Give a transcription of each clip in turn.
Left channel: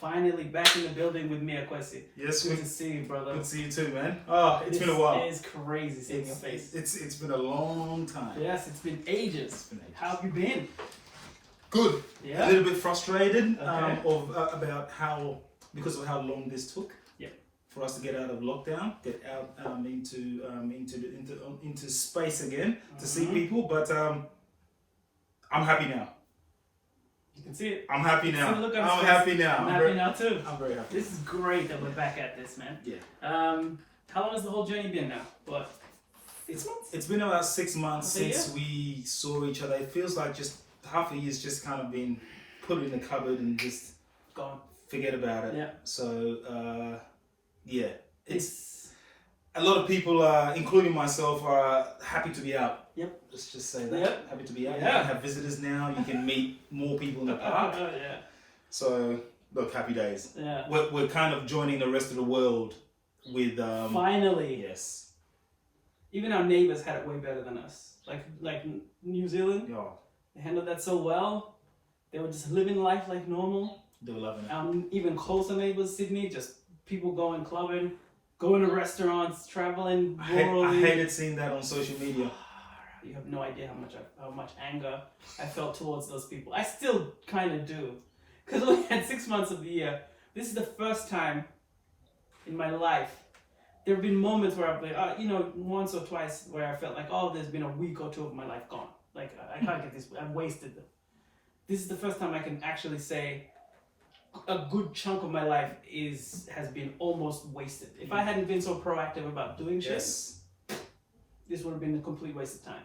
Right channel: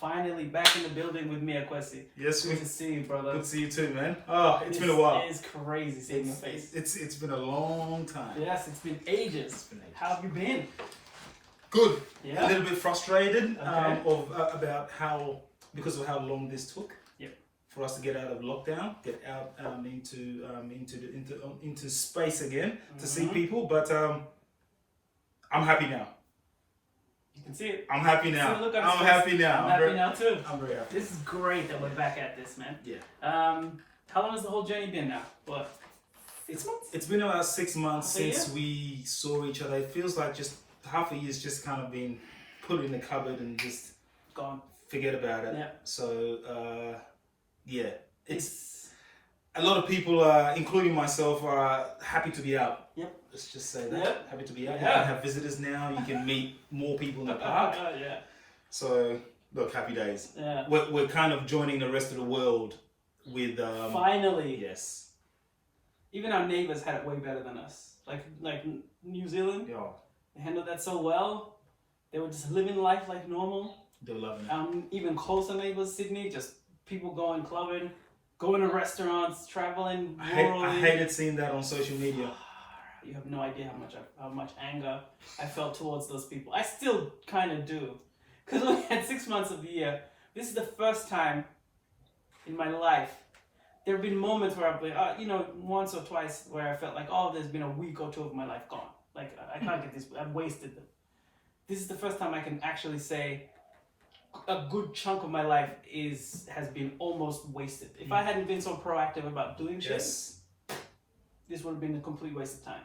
Finally back in the building with me, Akwasi. Yes, Good to see you, brother. good to see you too, man. Oh, it's been a while. It is crazy seeing your face. It's been a long time. Yes, it's been ages. It's been ages. How have you been? Good. Yeah. A little bit frustrated Okay. about because of how long this took. Yeah. For us to get out of lockdown, get out into space again to see people, but I'm happy now. You can see it. I'm happy now. See the look on I'm his face. happy now. I'm happy now too. I'm very happy. This is great that we're back at this, man. Yeah. How long has the whole journey been now? What? 6 months? It's been about 6 months Okay, since we saw each other. It feels like just half a year's just kind of been put in the cupboard and just Gone. forget about it. Yeah. So yeah, It's a lot of people, including myself, are happy to be out. Yep. Let's just say that. Yep. Happy to be out. Yeah. You can have visitors now. You can meet more people in the park. yeah. So look, happy days. Yeah. We're kind of joining the rest of the world with Finally. yes. Even our neighbors had it way better than us. Like New Zealand, Yeah, they handled that so well. They were just living life like normal. they were loving it. Even closer neighbors, Sydney, just people going clubbing, going to restaurants, traveling. I hated seeing that on social media. You have no idea how much anger I felt towards those people. I still kind of do, because we had 6 months of the year. This is the first time in my life. There have been moments where I've been, once or twice where I felt like, oh, there's been a week or two of my life gone. Like I can't get this. I've wasted them. This is the first time I can actually say a good chunk of my life has been almost wasted. If I hadn't been so proactive about doing shit, Yes, this would have been a complete waste of time.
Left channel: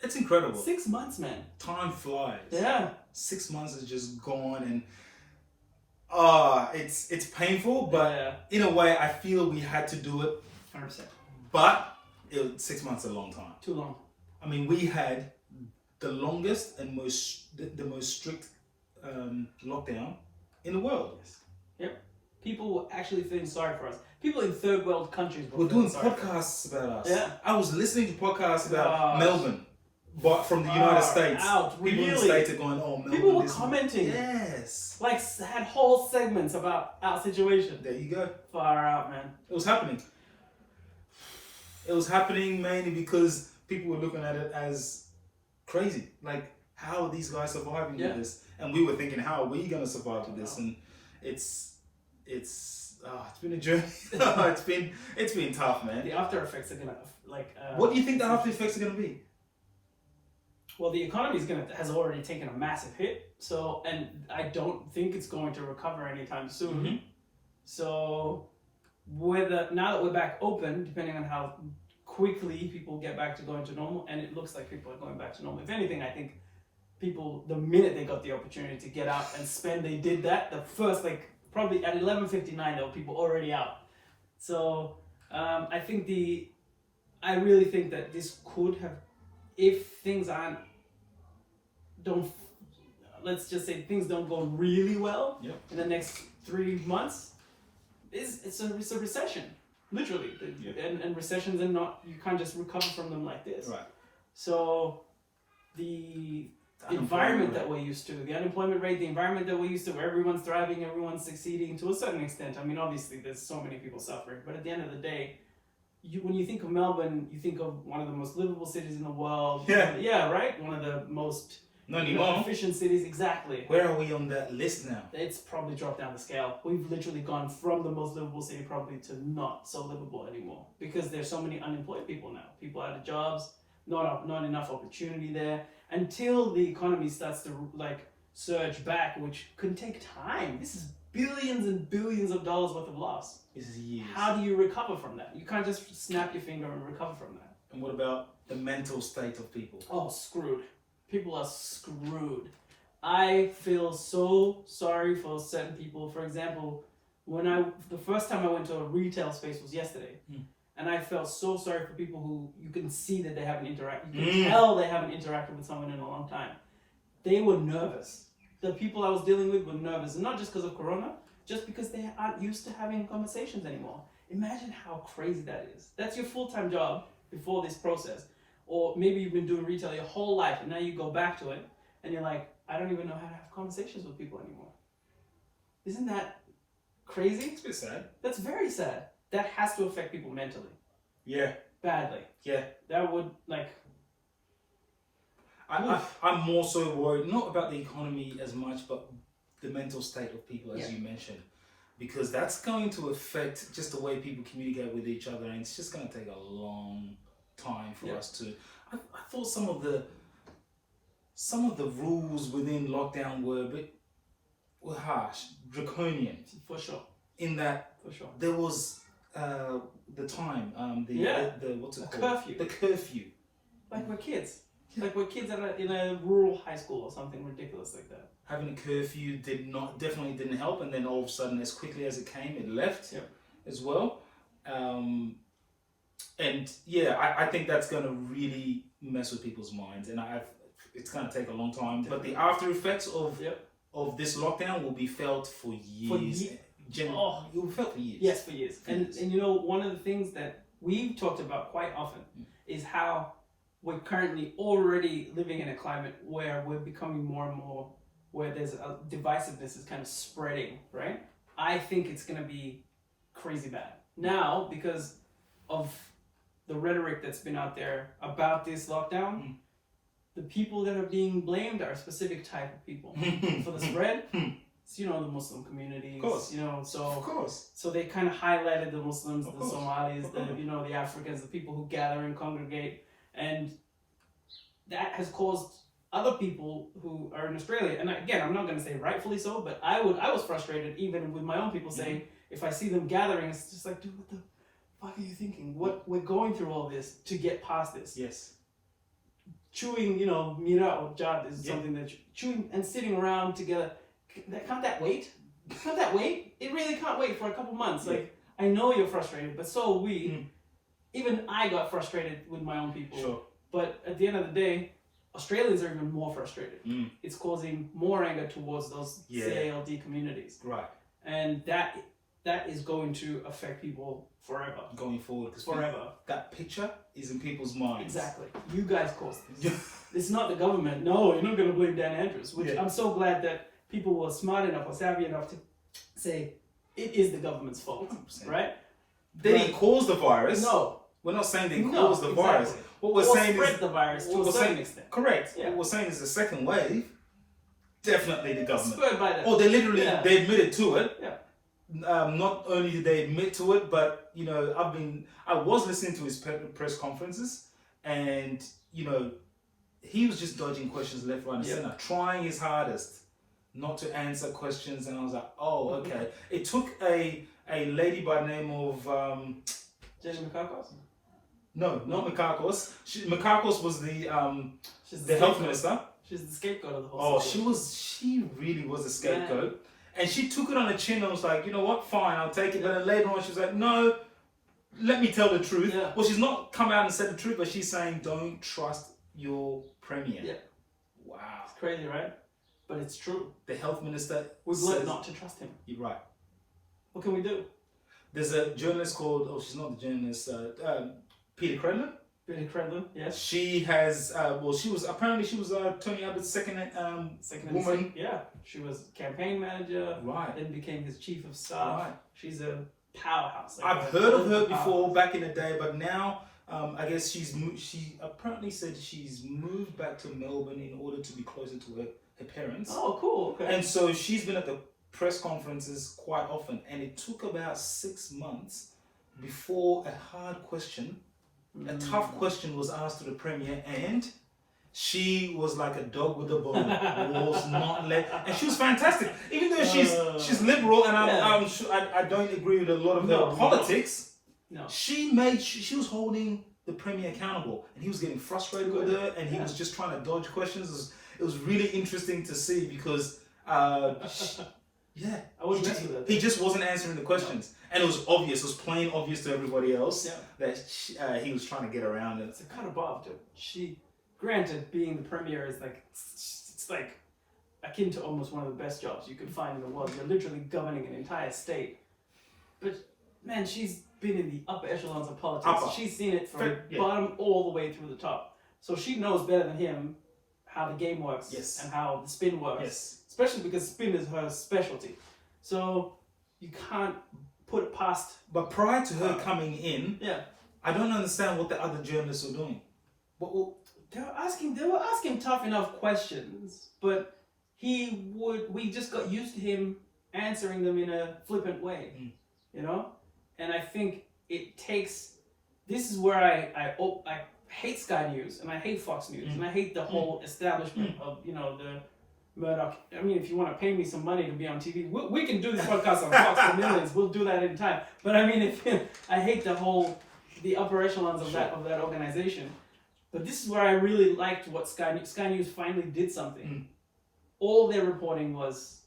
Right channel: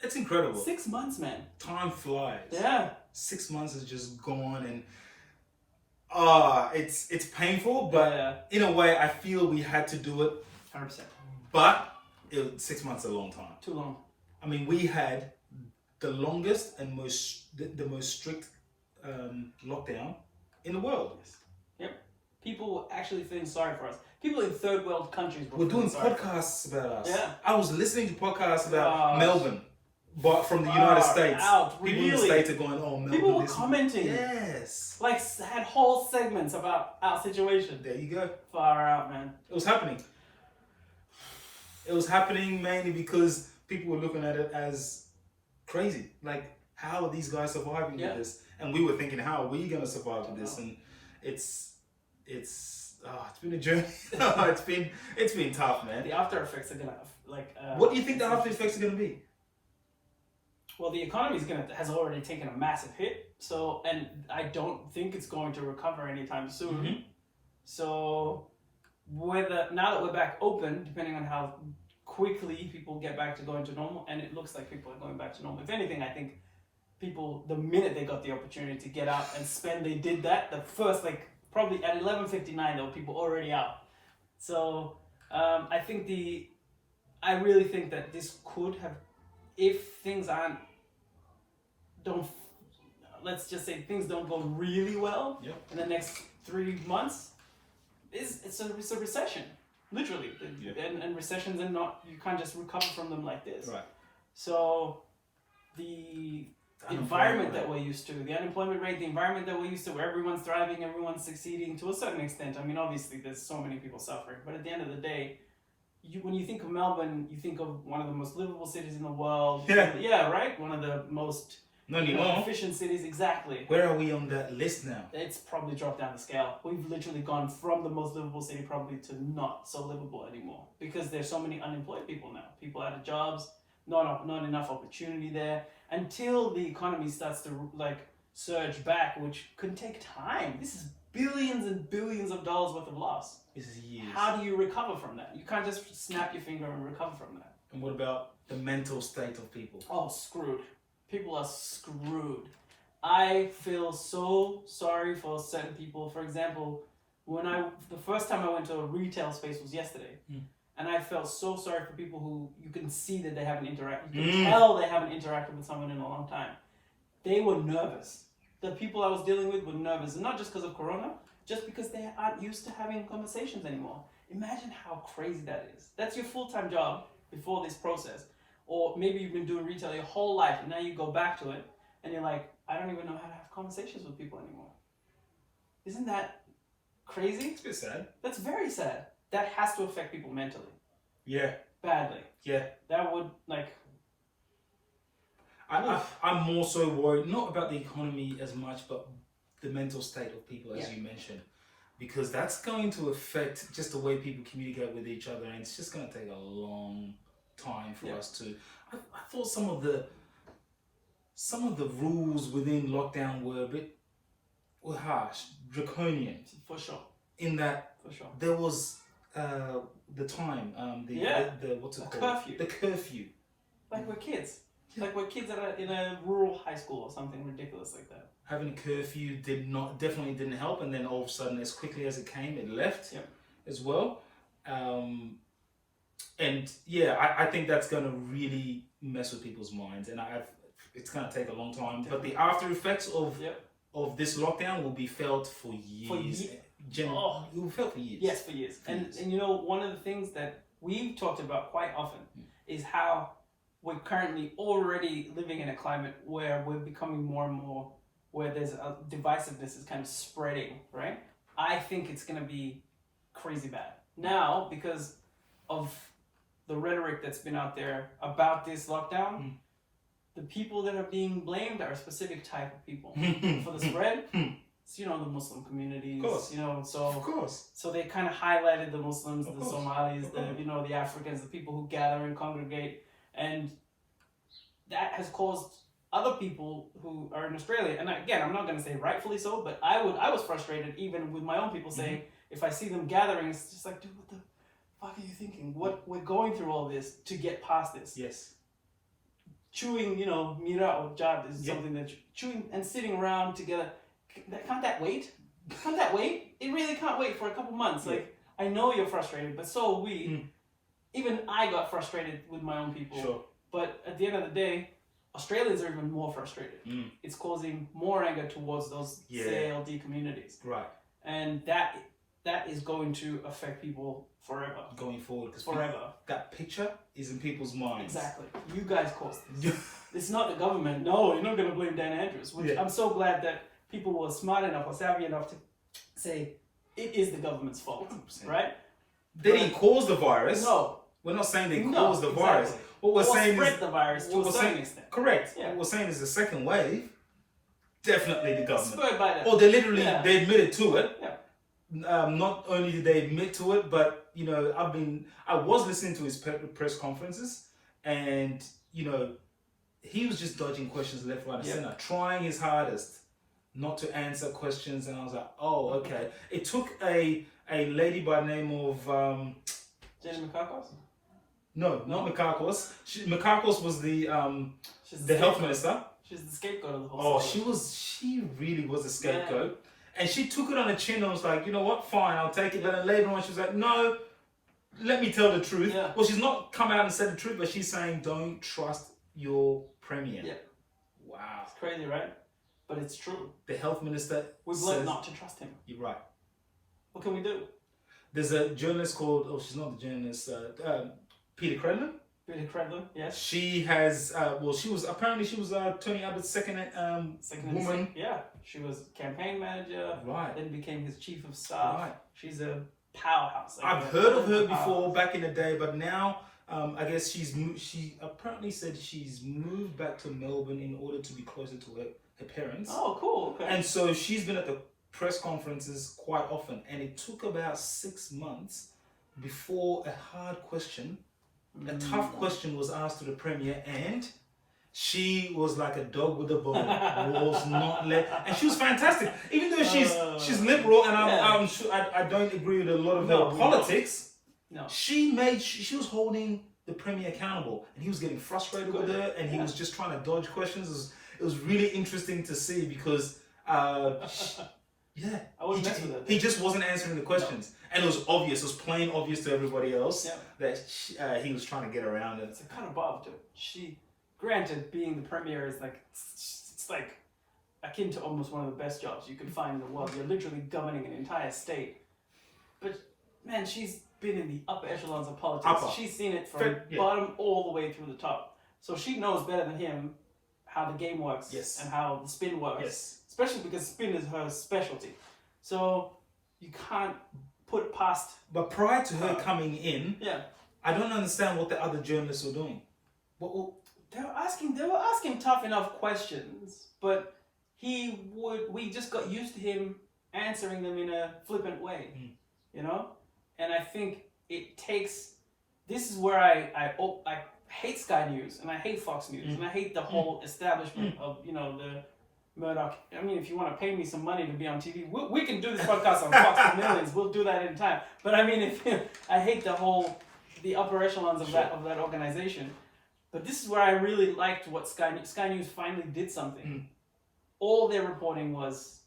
it's incredible. 6 months, man. Time flies. Yeah. 6 months is just gone, and it's painful, but Yeah. in a way, I feel we had to do it. 100%. But 6 months is a long time. Too long. I mean, we had the longest and the most strict lockdown in the world. Yep. People were actually feeling sorry for us. People in third world countries were We're doing feeling sorry for us. podcasts about us. Yeah. I was listening to podcasts about Gosh. Melbourne, but from the United States. Out. People in the Really? States are going, oh, Melbourne. People were this- commenting. Yes. Like, had whole segments about our situation. There you go. Far out, man. It was happening. It was happening mainly because people were looking at it as crazy. Like, how are these guys surviving Yeah. with this? And we were thinking, how are we going to survive with this? And it's been a journey. it's been tough, man. The after effects are gonna What do you think the after effects are going to be? Well, the economy has already taken a massive hit. So, and I don't think it's going to recover anytime soon. Mhm. So, now that we're back open, depending on how quickly people get back to going to normal, and it looks like people are going back to normal. If anything, I think people, the minute they got the opportunity to get out and spend, they did that. The first, probably at 11:59, there were people already out. So I really think that this could have, if things let's just say things don't go really well Yep. in the next 3 months, it's a recession, literally. Yeah. And recessions are not, you can't just recover from them like this. Right. So the environment that we're used to, the unemployment rate, the environment that we're used to, where everyone's thriving, everyone's succeeding to a certain extent. I mean, obviously, there's so many people suffering, but at the end of the day, when you think of Melbourne, you think of one of the most livable cities in the world. Yeah. Yeah, right? One of the most Not anymore. efficient cities, exactly. Where are we on that list now? It's probably dropped down the scale. We've literally gone from the most livable city probably to not so livable anymore because there's so many unemployed people now. People out of jobs, not enough opportunity there. Until the economy starts to surge back, which could take time. This is billions and billions of dollars worth of loss. This is years. How do you recover from that? You can't just snap your finger and recover from that. And what about the mental state of people? Oh, screwed. People are screwed. I feel so sorry for certain people. For example, the first time I went to a retail space was yesterday. And I felt so sorry for people who you can see that they haven't interacted. You can tell they haven't interacted with someone in a long time. They were nervous. The people I was dealing with were nervous. And not just because of Corona, just because they aren't used to having conversations anymore. Imagine how crazy that is. That's your full-time job before this process. Or maybe you've been doing retail your whole life and now you go back to it and you're like, I don't even know how to have conversations with people anymore. Isn't that crazy? It's a bit sad. That's very sad. That has to affect people mentally. Yeah. Badly. Yeah. That would, like... I'm more so worried, not about the economy as much, but the mental state of people, as you mentioned. Because that's going to affect just the way people communicate with each other, and it's just going to take a long time for us to... I thought some of the rules within lockdown were harsh, draconian. For sure. In that there was the time, what's it called? Curfew. The curfew. Like we're kids. Like we're kids that are in a rural high school or something ridiculous like that. Having a curfew definitely didn't help, and then all of a sudden, as quickly as it came, it left as well. And yeah, I think that's going to really mess with people's minds, and it's going to take a long time. Definitely. But the after effects of this lockdown will be felt for years. It will be felt for years. Yes, for years. And you know, one of the things that we've talked about quite often is how we're currently already living in a climate where we're becoming more and more, where there's a divisiveness is kind of spreading, right? I think it's going to be crazy bad. Now, because of the rhetoric that's been out there about this lockdown, the people that are being blamed are a specific type of people for the spread. It's, you know, the Muslim communities, you know, so they kind of highlighted the Muslims, the Somalis, the Africans, the people who gather and congregate, and that has caused other people who are in Australia, and again, I'm not going to say rightfully so, but I was frustrated even with my own people saying, if I see them gathering, it's just like, dude, what the fuck are you thinking? We're going through all this to get past this. Yes. Chewing, you know, mira or jad is something that chewing and sitting around together. Can't that wait? Can't that wait? It really can't wait for a couple months. Like, I know you're frustrated, but so are we. Even I got frustrated with my own people. Sure. But at the end of the day, Australians are even more frustrated. It's causing more anger towards those CALD communities. Right. And that is going to affect people forever. Going forward. Forever. That picture is in people's minds. Exactly. You guys caused this. It's not the government. No, you're not going to blame Dan Andrews. Which I'm so glad that people were smart enough or savvy enough to say it is the government's fault. 100%. Right? They didn't cause the virus. No. We're not saying they caused the virus. What we're saying is the virus to a certain extent. Correct. Yeah. What we're saying is the second wave, definitely the government. Spurred by that. Or they literally they admitted to it. Yeah. Not only did they admit to it, but you know, I was listening to his press conferences, and you know, he was just dodging questions left, right, and center, trying his hardest not to answer questions. And I was like, oh, okay. It took a lady by the name of Jenny Mikakos? No, not Mikakos. Mikakos was the health minister. She's the scapegoat of the whole situation. She really was a scapegoat. Yeah. And she took it on the chin and was like, you know what, fine, I'll take it. But then later on, she was like, no, let me tell the truth. Yeah. Well, she's not come out and said the truth, but she's saying, don't trust your premier. Yeah. Wow. It's crazy, right? But it's true. The health minister We've learned not to trust him. You're right. What can we do? There's a journalist called, she's not the journalist, Peter Credlin. Peter Credlin, yes. She has, she was Tony Abbott's second woman. Yeah, she was campaign manager. Right. Then became his chief of staff. Right. She's a powerhouse. Like I've heard of her before back in the day, but now I guess she apparently said she's moved back to Melbourne in order to be closer to her parents. Oh, cool. Okay. And so she's been at the press conferences quite often, and it took about 6 months before a hard question, a tough question was asked to the premier, and she was like a dog with a bone. Was not let, and she was fantastic. Even though she's liberal, and I'm sure I don't agree with a lot of her politics. No, she was holding the premier accountable, and he was getting frustrated with her, and he was just trying to dodge questions. It was really interesting to see because. He just wasn't answering the questions. And it was obvious, it was plain obvious to everybody else that he was trying to get around it. It's a cut above, dude. Granted, being the premier is like, it's like akin to almost one of the best jobs you could find in the world. You're literally governing an entire state. But man, she's been in the upper echelons of politics. She's seen it from bottom all the way through the top. So she knows better than him how the game works and how the spin works. Yes. Especially because spin is her specialty. So you can't put it past. But prior to her coming in, Yeah. I don't understand what the other journalists were doing. They were asking tough enough questions, but we just got used to him answering them in a flippant way, you know? And I think this is where I hate Sky News, and I hate Fox News, and I hate the whole establishment of, you know, the Murdoch. I mean, if you want to pay me some money to be on TV, we can do this podcast on Fox for millions. We'll do that anytime. But I mean, I hate the upper echelons of that organization. But this is where I really liked what Sky News finally did something. All their reporting was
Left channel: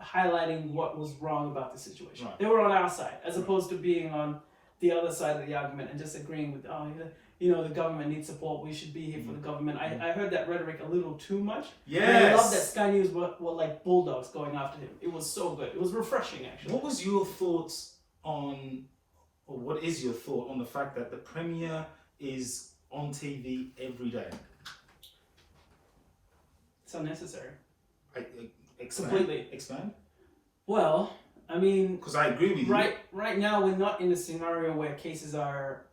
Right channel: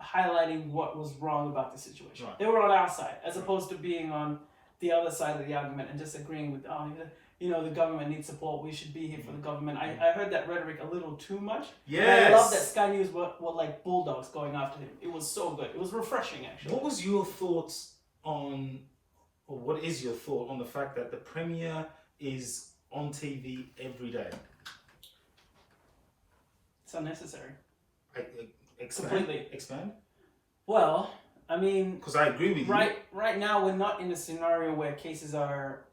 highlighting what was wrong about the situation. Right. They were on our side, as opposed to being on the other side of the argument and just agreeing with, you know, the government needs support, we should be here for the government. I heard that rhetoric a little too much. Yes. But I love that Sky News were like bulldogs going after him. It was so good. It was refreshing, actually. What was your thoughts on, or what is your thought on the fact that the Premier is on TV every day? It's unnecessary. Expand. Completely. Expand? Well, I mean... Because I agree with you. Right now, we're not in a scenario where cases are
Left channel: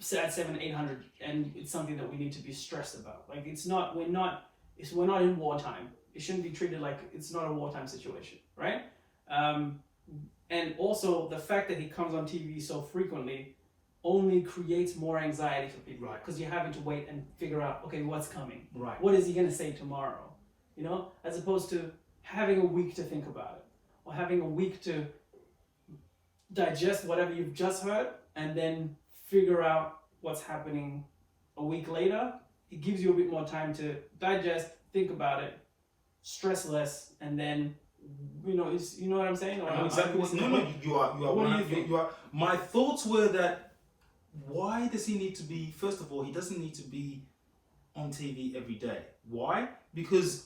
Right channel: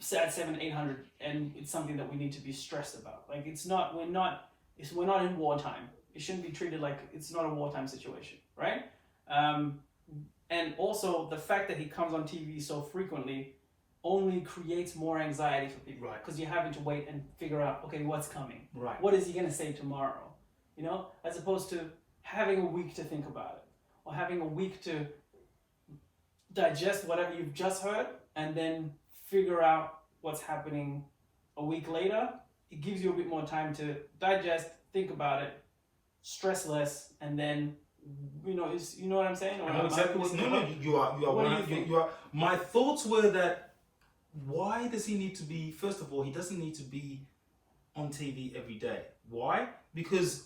at 700-800, and it's something that we need to be stressed about. Like, we're not in wartime. It shouldn't be treated like it's not a wartime situation, right? And also, the fact that he comes on TV so frequently only creates more anxiety for people. Right. Because you're having to wait and figure out, okay, what's coming? Right. What is he going to say tomorrow? You know, as opposed to having a week to think about it, or having a week to digest whatever you've just heard, and then figure out what's happening a week later. It gives you a bit more time to digest, think about it, stress less, and then, you know what I'm saying? I know exactly what. No, you are. You are. My thoughts were that, why does he need to be? First of all, he doesn't need to be on TV every day. Why? Because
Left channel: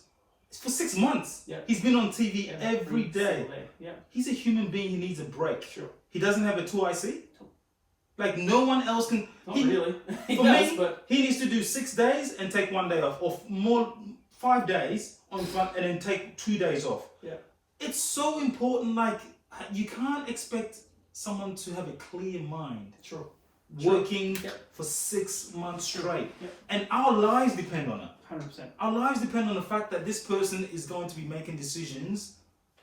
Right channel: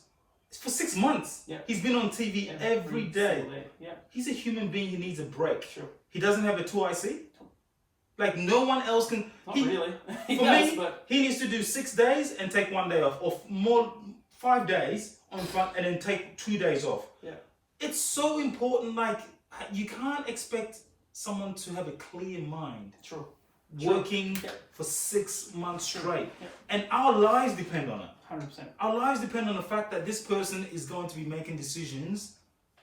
for 6 months, he's been on TV every day. Yeah. He's a human being. He needs a break. Sure. He doesn't have a 2IC. Like, no one else can. Not really. For me, he needs to do 6 days and take 1 day off, or more 5 days on front and then take 2 days off. Yeah. It's so important. Like, you can't expect someone to have a clear mind. Sure. Working for 6 months straight. Yeah. And our lives depend on it. 100%. Our lives depend on the fact that this person is going to be making decisions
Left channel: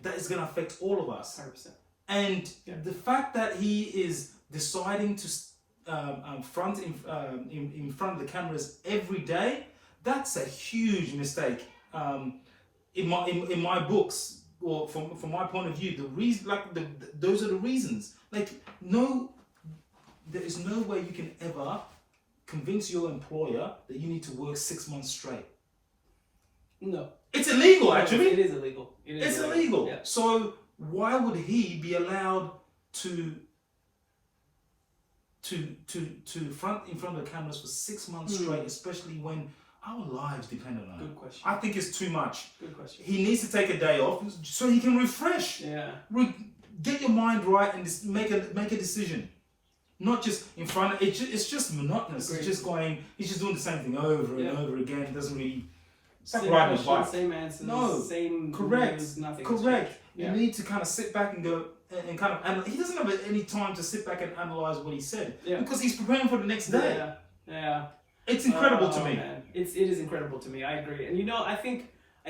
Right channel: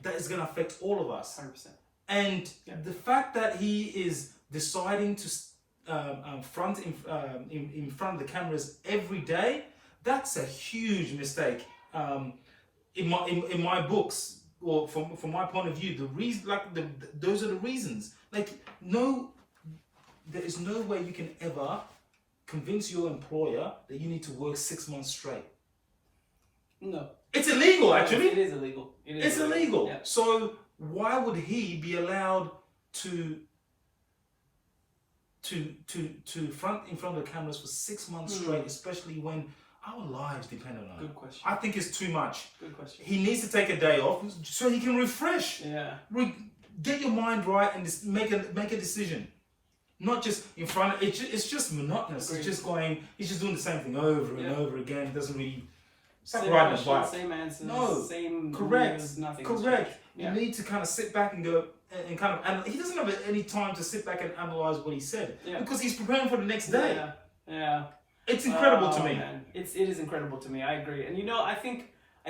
that is going to affect all of us. 100%. And the fact that he is deciding to front in front of the cameras every day, that's a huge mistake. In my books, or from my point of view, the reason, like those are the reasons. Like, there is no way you can ever convince your employer that you need to work 6 months straight. No. It's illegal, actually. It is illegal. It's illegal. Yeah. So why would he be allowed to front in front of the cameras for 6 months straight, especially when our lives depend on it? Good question. I think it's too much. Good question. He needs to take a day off so he can refresh. Yeah. Get your mind right and just make a decision. Not just in front of it's just monotonous. It's just he's just doing the same thing over and over again. It doesn't really. It's like riding a bike. Same answers. No. Same. Correct. Nothing. Correct. You need to kind of sit back and go and kind of. And he doesn't have any time to sit back and analyze what he said because he's preparing for the next day. Yeah. It's incredible to me. Man. It is incredible to me. I agree. And I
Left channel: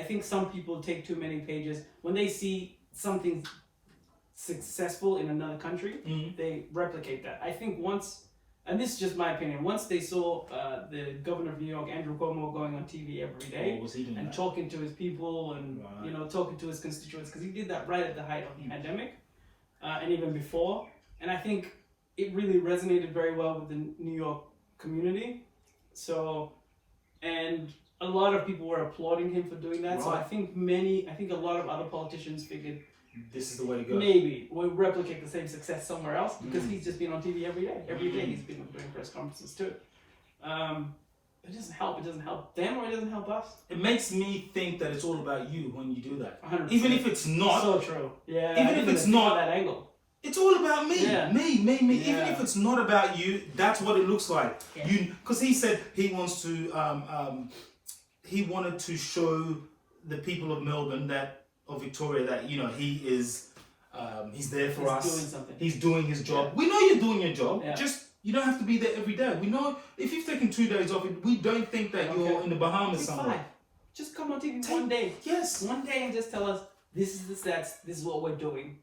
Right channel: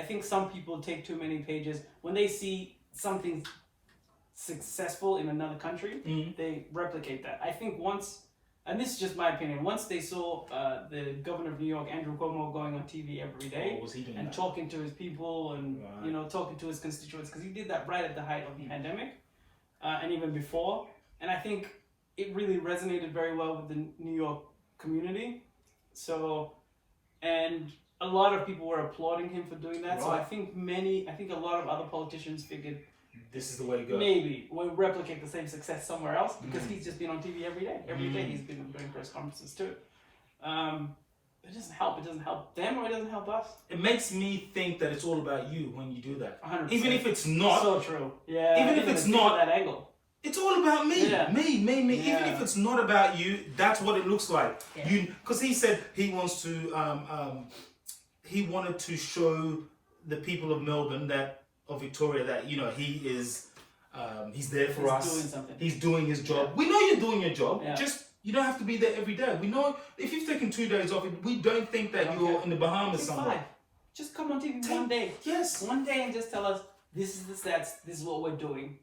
think some people take too many pages when they see something successful in another country. They replicate that. I think once, and this is just my opinion, once they saw the governor of New York, Andrew Cuomo, going on TV every day and talking to his people and talking to his constituents, because he did that right at the height of the pandemic and even before. And I think it really resonated very well with the New York community. So, and a lot of people were applauding him for doing that. Right. So I think a lot of other politicians figured, this is the way to go. Maybe we'll replicate the same success somewhere else because he's just been on TV every day. Every day he's been doing press conferences too. It doesn't help. It doesn't help them or it doesn't help us. It makes me think that it's all about you when you do that. 100%. Even if it's not. So true. Yeah. Even if it's not that angle. It's all about me. Yeah. Me. Yeah. Even if it's not about you, that's what it looks like. Yeah. Because he said he wants to. He wanted to show the people of Melbourne that, of Victoria that he is he's there for us. Doing something. He's doing his job. Yeah. We know you're doing your job. Yeah. Just you don't have to be there every day. We know if you've taken 2 days off, we don't think that you're in the Bahamas somewhere. 5. Just come on TV one day. Yes. One day and just tell us this is the stats. This is what we're doing.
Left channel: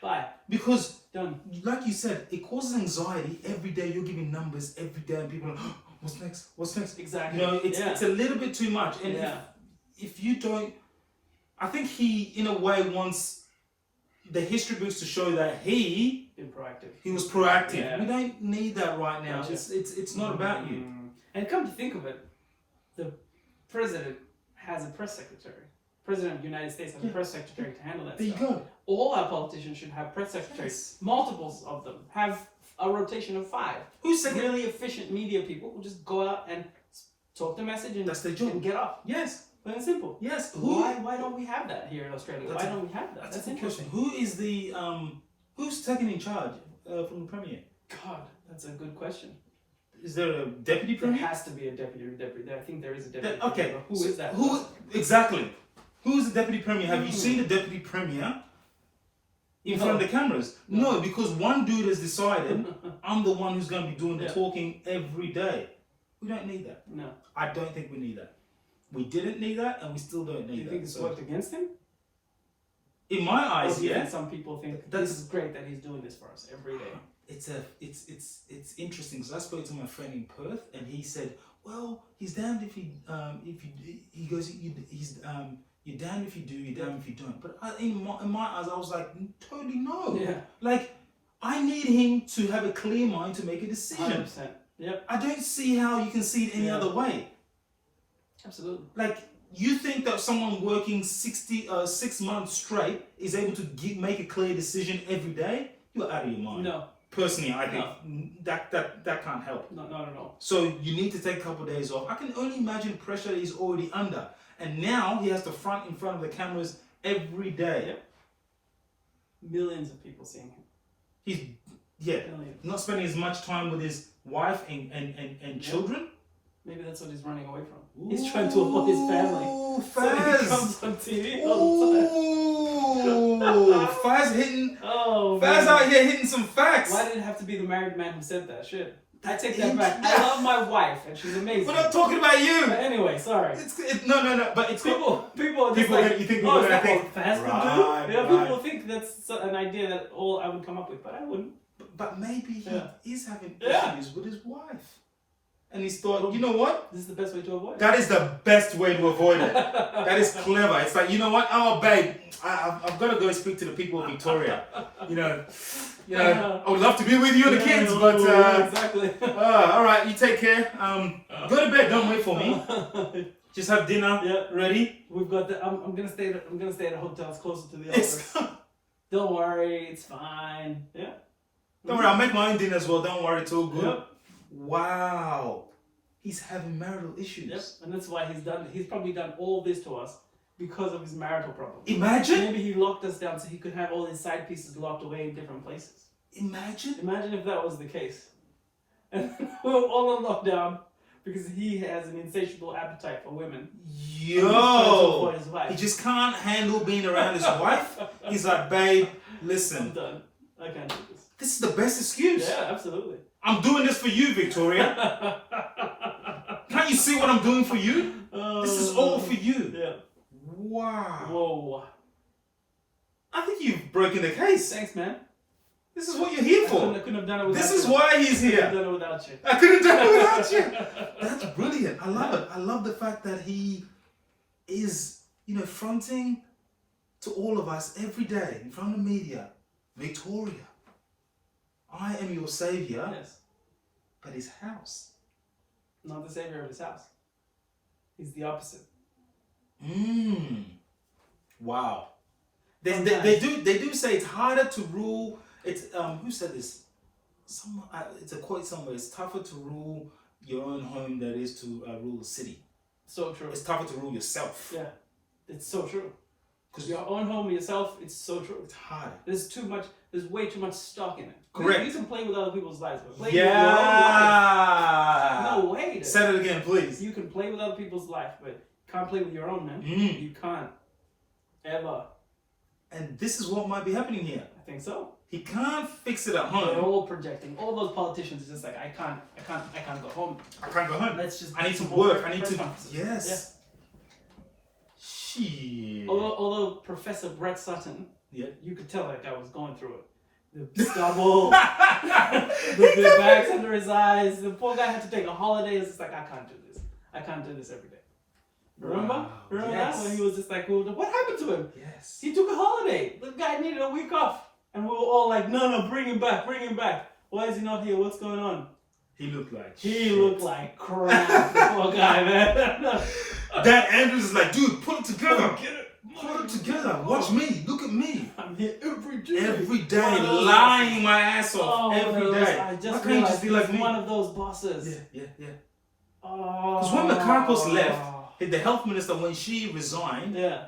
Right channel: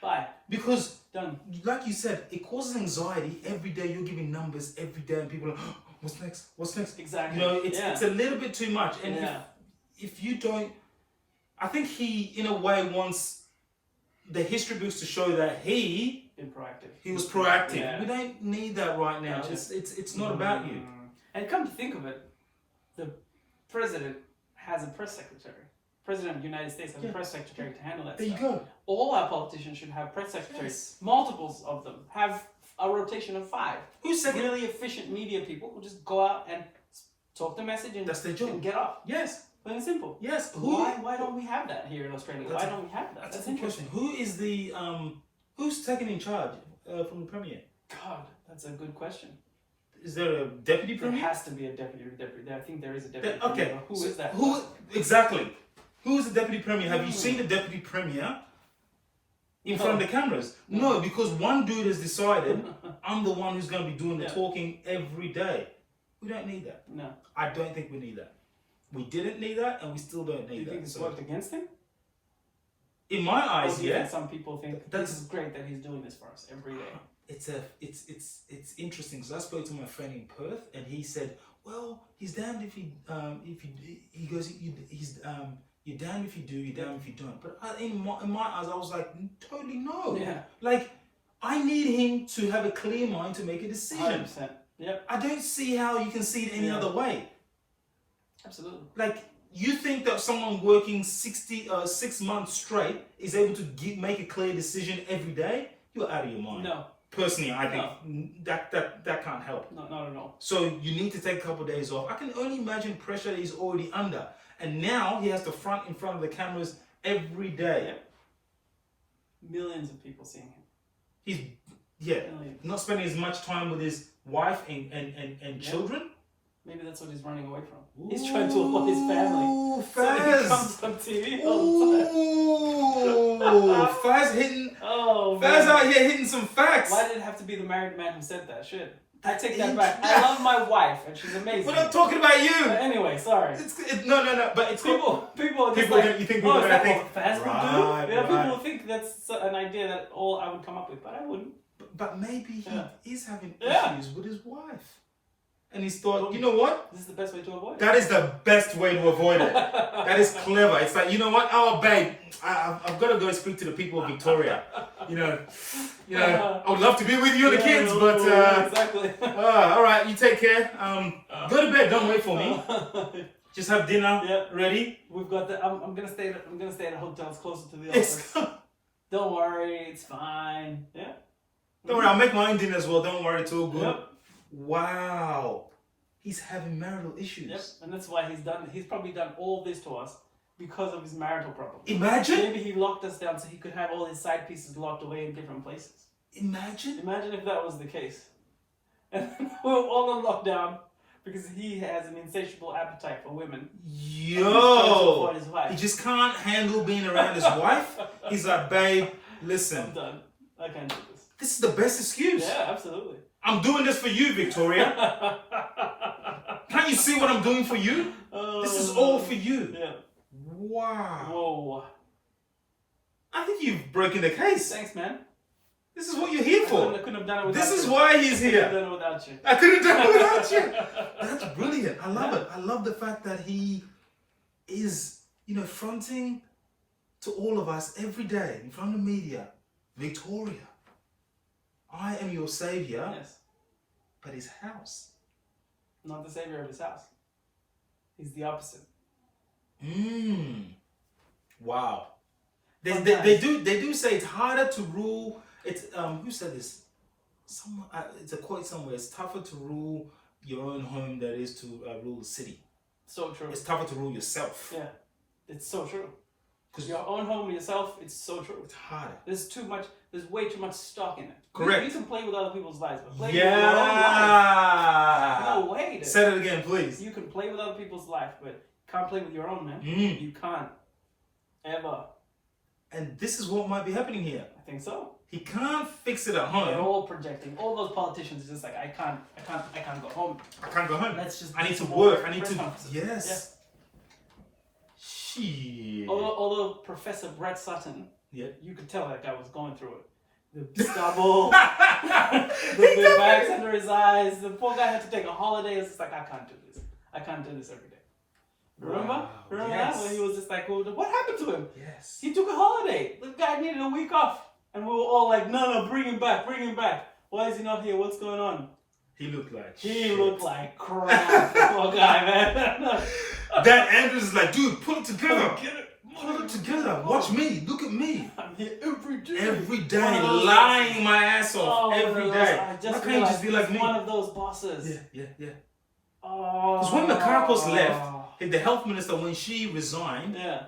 Bye. Because Done. like you said, it causes anxiety every day. You're giving numbers every day, and people are, oh, what's next? What's next? Exactly. It's a little bit too much. And if you don't, I think he in a way wants the history books to show that he was proactive. Yeah. We don't need that right now. Gotcha. It's not about you. And come to think of it, the president has a press secretary. President of the United States has a press secretary to handle that There stuff. you go. All our politicians should have press secretaries. Yes. Multiples of them. Have a rotation of 5. Who's second? Really efficient media people who just go out and talk the message and, That's their job. and get off. Yes. Plain and simple. Yes. Why don't we have that here in Australia? That's Why don't we have that? That's a good question. Who is the who's taken in charge from the Premier? God, that's a good question. Is there a deputy There Premier? has to be a deputy. I think there is a deputy. Okay. Premier, but who is that? Who exactly? Who is the deputy Premier? Have you seen the deputy Premier in front of the cameras? No, because one dude has decided I'm the one who's going to be doing the talking every day. We don't need that. No. I don't think we need that. We didn't need that, and we still don't need Do you that. think it's worked against him? In my Or eyes, do you yeah. think some people think this is great that he's doing this for us every day? It's interesting. So I spoke to my friend in Perth, and he said, "Well, he's damned if he goes you're damned if you do, you're damned if you don't." But in my eyes, I was like, totally no. Yeah. Like, I need him to have a clear mind to make a decision. 100%. Yep. I don't see how you can see it any other way. Absolutely. Like, you think that someone working 6 months straight is able to make a clear decision every day? You're out of your mind. No. Personally, I think that can't help. No, not at all. So you need to take a couple of days off. I can only imagine pressure that he's already under. And now he has to front in front of the cameras every day. Yep. Millions of people seeing him. He's Millions. not spending as much time with his wife and children. Maybe that's what he's running away from. He's trying to avoid his family. Ooh, So he Faz. comes on TV all the time. Ooh, Faz hitting. Oh, Faz man. out here hitting some facts. Why did it have to be the married man who said that? Shit. I take that back. I love my wife and she's amazing. We're not talking about you. But anyway, sorry. No. But it's People are just People like, gonna- you think people oh, are is gonna that think, what Faz would right, do? Yeah, right. people think that's an idea that all I would come up with, but I wouldn't. But maybe he is having Yeah. issues with his wife. And he's thought, you know what? This is the best way to avoid it. That is the best way to avoid it. That is clever. It's like, you know what? Oh, babe, I've got to go speak to the people of Victoria. You know, I would love to be with you and the kids, but exactly. all right, you take care. Go to bed. Don't wait for me. Just have dinner ready. We've got the. I'm gonna stay at hotels closer to the office. Don't worry, it's fine. Yeah. Don't worry, I'll make my own dinner as well. Don't worry, it's all good. Yep. Wow, he's having marital issues. Yep. And that's why he's probably done all this to us because of his marital problem. Imagine. Maybe he locked us down so he could have all his side pieces locked away in different places. Imagine Imagine if that was the case. And we're all on lockdown because he has an insatiable appetite for women. Yo, His wife. he just can't handle being around his wife. He's like, babe, I'm listen, done. I can't do this. this is the best excuse. Yeah, absolutely. I'm doing this for you, Victoria. Can't you see what I'm doing for you? This is all for you. Yeah. Wow. Whoa. I think you've broken the case. Thanks, man. This is what you're here for. I couldn't have done it without This you. is why he's I couldn't have here. done it without you. I couldn't have done it without you. That's brilliant. I love it. I love the fact that he is, fronting to all of us every day in front of the media. Victoria, I am your savior, Yes. but his house. Not the savior of his house. He's the opposite. Wow. They do say it's harder to rule. It's who said this? Someone. It's a quote somewhere. It's tougher to rule your own home than it is to rule a city. So true. It's tougher to rule yourself. Yeah. It's so true. Because Your own home, yourself, it's so true. it's harder. There's way too much stock in it. Correct. You can play with other people's lives, but play with your own life. No way. Dude. Say it again, please. You can play with other people's life, but can't play with your own, man. Mm. You can't. Ever. And this is what might be happening here. I think so. He can't fix it at They're home. all projecting. All those politicians are just like, I can't go home. I can't go home. Let's just. I need to do some more work. I need press to. conferences. Yes. Shit. Although Professor Brett Sutton, Yeah. you could tell that guy was going through it. The stubble, the bags under his eyes. The poor guy had to take a holiday. It's just like, I can't do this. I can't do this every day. Remember? Wow, Remember yes. that? When he was just like, well, what happened to him? Yes. He took a holiday. The guy needed a week off. And we were all like, no, bring him back. Why is he not here? What's going on? He looked like He shit. looked like crap. Poor guy, man. Dan Andrews is like, dude, pull it together. Get it. Pull it together. Watch me. Look at me. I'm here every day. Every One day, of those lying bosses. my ass off. Oh, Every those- day. I Why just can't you just be like realized me? one of those bosses. Yeah. Oh. Because when Makakos left, the health minister, when she resigned Yeah,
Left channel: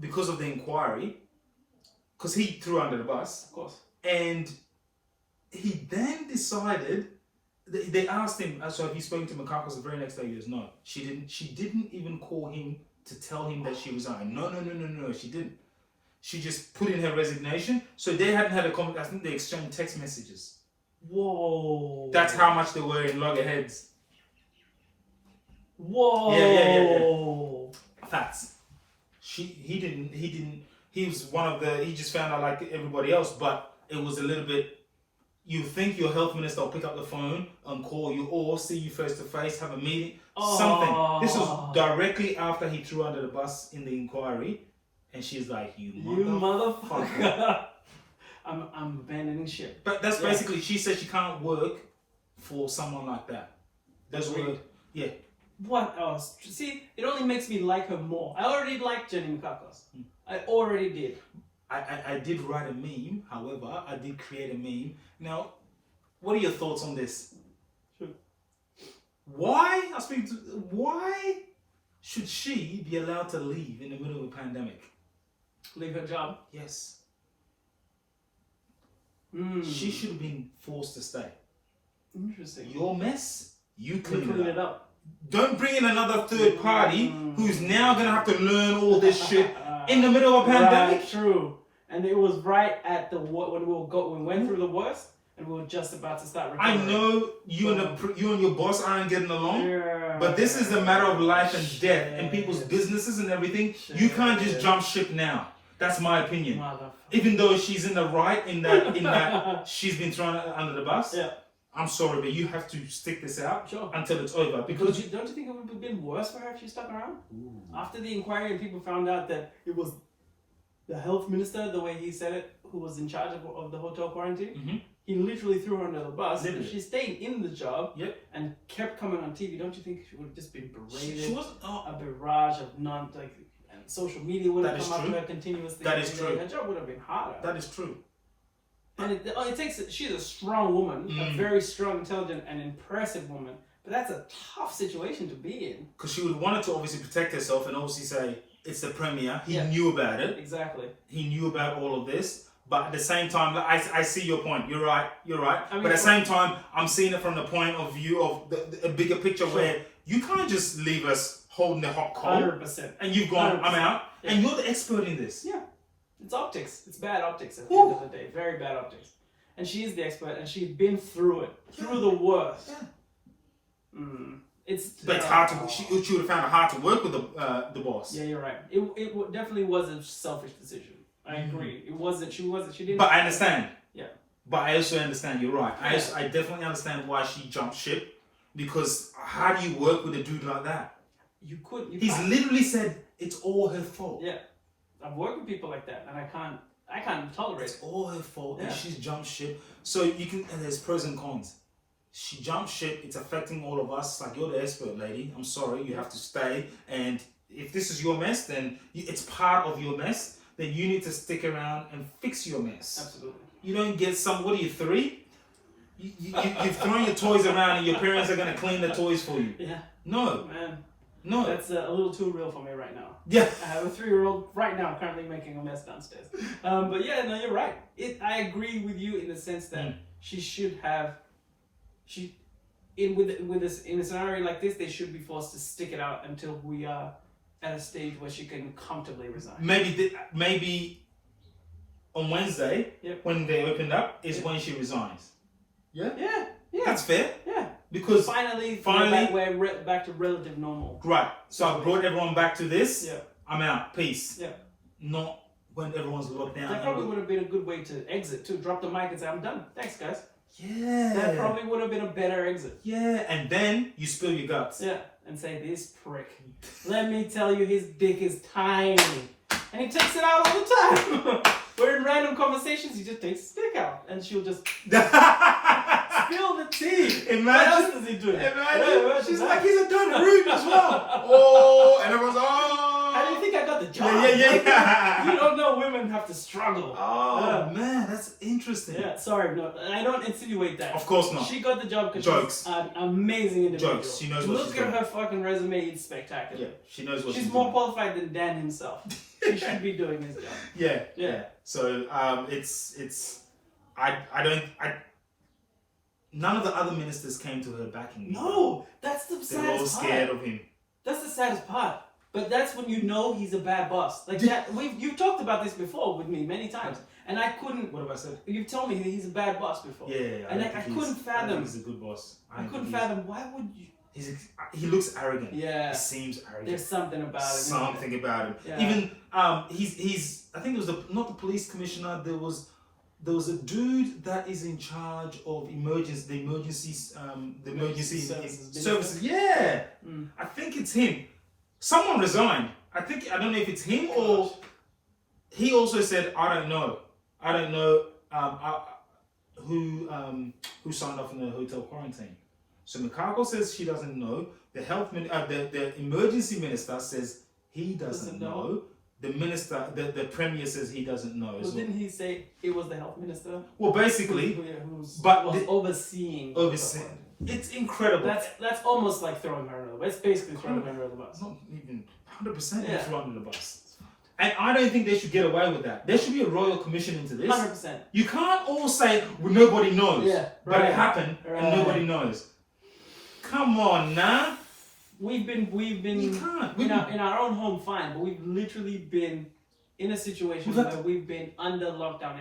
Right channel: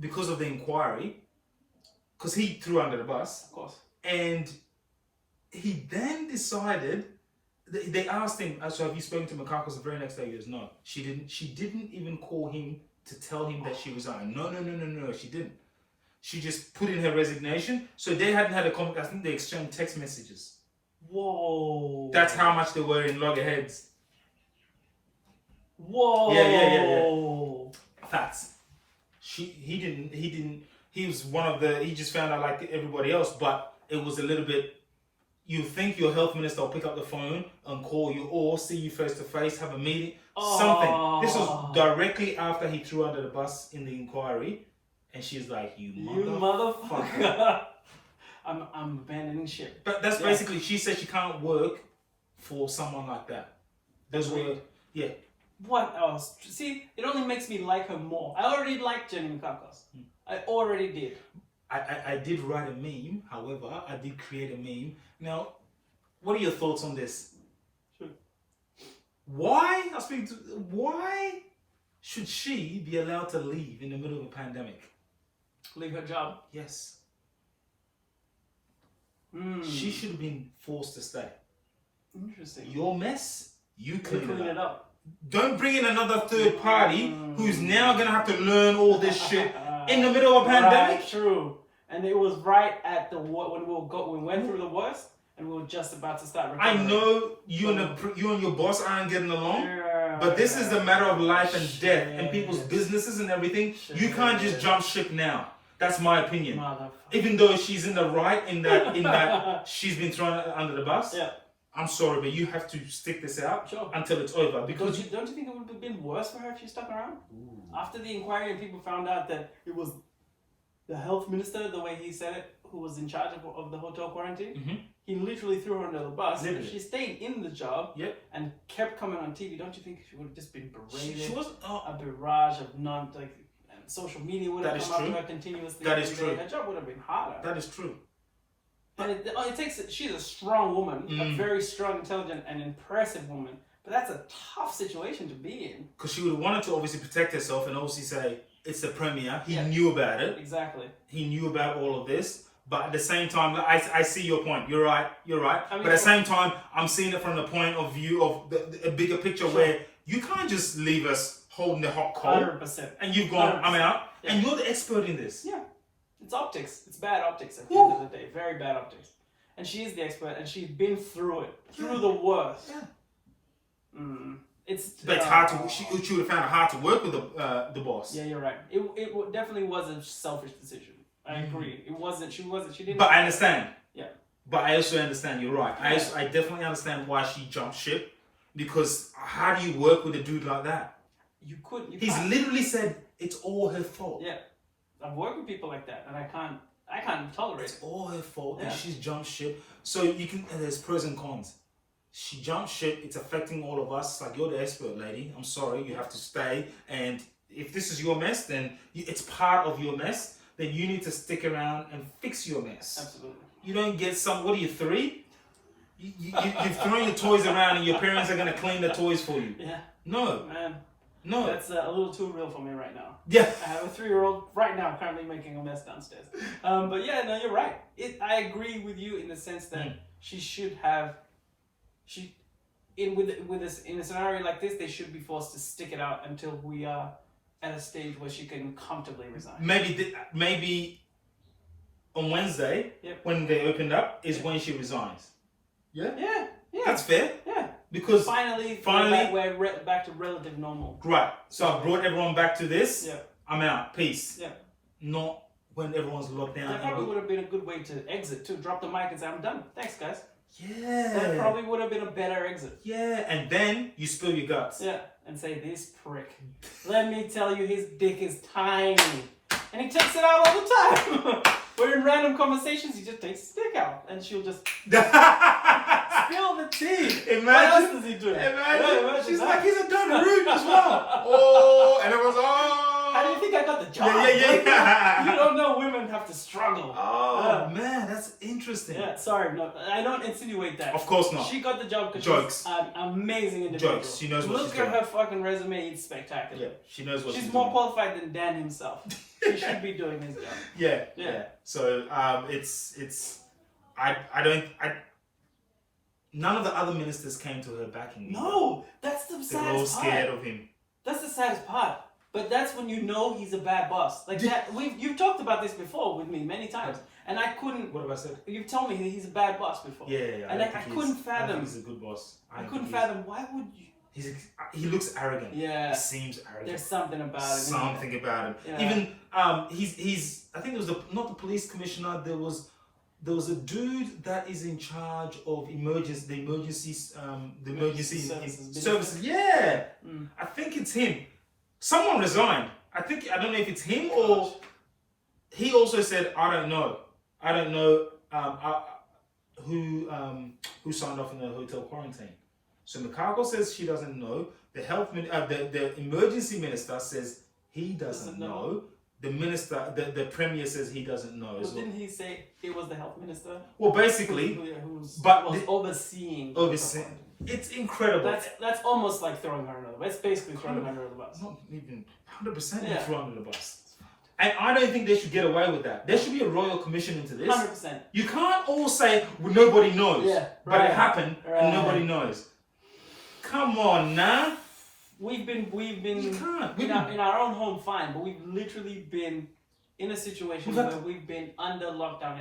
because of the inquiry, because he threw under the bus, of course. and he then decided, they asked him, so have you spoken to Makakos the very next day? He goes, no, she didn't. She didn't even call him to tell him that she resigned. No, she didn't. She just put in her resignation. So they hadn't had a conversation. I think they exchanged text messages. Whoa. That's how much they were in loggerheads. Whoa. Yeah. Facts. He was one of the, he just found out like everybody else, but it was a little bit, you think your health minister will pick up the phone and call you or see you face to face, have a meeting, something. This was directly after he threw under the bus in the inquiry, and she's like, you motherfucker. I'm abandoning ship. But that's basically, she said she can't work for someone like that. That's what, yeah. What else? See, it only makes me like her more. I already liked Jenny Makakos. I already did. I did write a meme, however, I did create a meme. Now, what are your thoughts on this? Sure. Why should she be allowed to leave in the middle of a pandemic? Leave her job. Yes. Mm. She should have been forced to stay. Interesting. Your mess, you clean it up. Don't bring in another third party who's now going to have to learn all this shit in the middle of a pandemic. Right, true. And it was right at when we went through the worst, and we were just about to start recovering. I know you and your boss aren't getting along, but this is a matter of life and death and people's businesses and everything. You can't just jump ship now. That's my opinion. Even though she's in the right in that she's been thrown under the bus. Yeah. I'm sorry, but you have to stick this out Sure. until it's over. Because don't you think it would have been worse for her if she stuck around? Ooh. After the inquiry and people found out that it was the health minister, the way he said it, who was in charge of the hotel quarantine, he literally threw her under the bus. Literally. She stayed in the job and kept coming on TV. Don't you think she would have just been berated? She was a barrage of and social media would have come after her continuously. That is true. Her job would have been harder. That is true. And it takes. She's a strong woman, a very strong, intelligent, and impressive woman. But that's a tough situation to be in. Because she would have wanted to obviously protect herself and obviously say it's the premier. He knew about it. Exactly. He knew about all of this. But at the same time, I see your point. You're right. I mean, but at the same time, I'm seeing it from the point of view of a bigger picture where you can't just leave us holding the hot coal. 100%. And you've gone, 100%. I'm out. Yeah. And you're the expert in this. Yeah. It's optics. It's bad optics at the end of the day. Very bad optics. And she is the expert, and she's been through it, through the worst. Yeah. But it's hard to. She would have found it hard to work with the boss. Yeah, you're right. It definitely was a selfish decision. I agree. It wasn't. She didn't. But I understand. Yeah. But I also understand. You're right. I definitely understand why she jumped ship, because how do you work with a dude like that? He's literally said it's all her fault. Yeah. I've worked with people like that, and I can't tolerate it. It's all her fault that she's jumped ship. So you can, and there's pros and cons. She jumped ship, it's affecting all of us. Like, you're the expert, lady. I'm sorry, you have to stay. And if this is your mess, then it's part of your mess. Then you need to stick around and fix your mess. Absolutely. You don't get what are you, 3? You've thrown your toys around and your parents are going to clean the toys for you. Yeah. No. Man. No. That's a little too real for me right now. Yeah. I have a 3-year-old right now currently making a mess downstairs. But yeah, no, you're right. I agree with you in the sense that she should have, in a scenario like this, they should be forced to stick it out until we are at a stage where she can comfortably resign. Maybe on Wednesday, when they opened up, is when she resigns. Yeah? Yeah. That's fair. Yeah. Because finally we're back to relative normal. Right. So I brought everyone back to this. Yeah. I'm out. Peace. Yeah. Not when everyone's locked down. That probably would have been a good way to exit, to drop the mic and say, I'm done. Thanks, guys. Yeah. That probably would have been a better exit. Yeah. And then you spill your guts. Yeah. And say, this prick. Let me tell you, his dick is tiny. And he takes it out all the time. We're in random conversations, he just takes his dick out. And she'll just spill the tea. Imagine. What else does he do? Imagine. She's like, he's a dirty rude as well. Oh, and everyone's how do you think I got the job? Yeah. You don't know women have to struggle. Oh, man, that's interesting. Yeah, sorry, no, I don't insinuate that. Of course not. She got the job because she's an amazing individual. Jokes. She knows what she's doing. doing. Look at her fucking resume, it's spectacular. Yeah, she knows what she's more qualified than Dan himself. He should be doing his job. Yeah. So, none of the other ministers came to her backing. No, that's the saddest part. They're all scared of him. That's the saddest part. But that's when you know he's a bad boss. Like that, you've talked about this before with me many times, and I couldn't. What have I said? You've told me that he's a bad boss before. Yeah. And I couldn't fathom. I think he's a good boss. I couldn't fathom. Why would you? He looks arrogant. Yeah. He seems arrogant. There's something about him. Something about him. Yeah. Even he's. I think it was not the police commissioner. There was a dude that is in charge of the emergency services. Yeah. I think it's him. Someone resigned. I don't know if it's him or he also said, I don't know who signed off in the hotel quarantine. So Mikako says she doesn't know. The emergency minister says he doesn't know. The premier says he doesn't know. But didn't he say it was the health minister? Well, basically, overseeing. It's incredible. That's almost like throwing her under the bus. It's basically throwing her under the bus. Not even 100% thrown under the bus. And I don't think they should get away with that. There should be a royal commission into this. 100%. You can't all say, well, nobody knows. Yeah, but it happened and nobody knows. Come on, now. We've been in our own home, fine, but we've literally been in a situation where we've been under lockdown,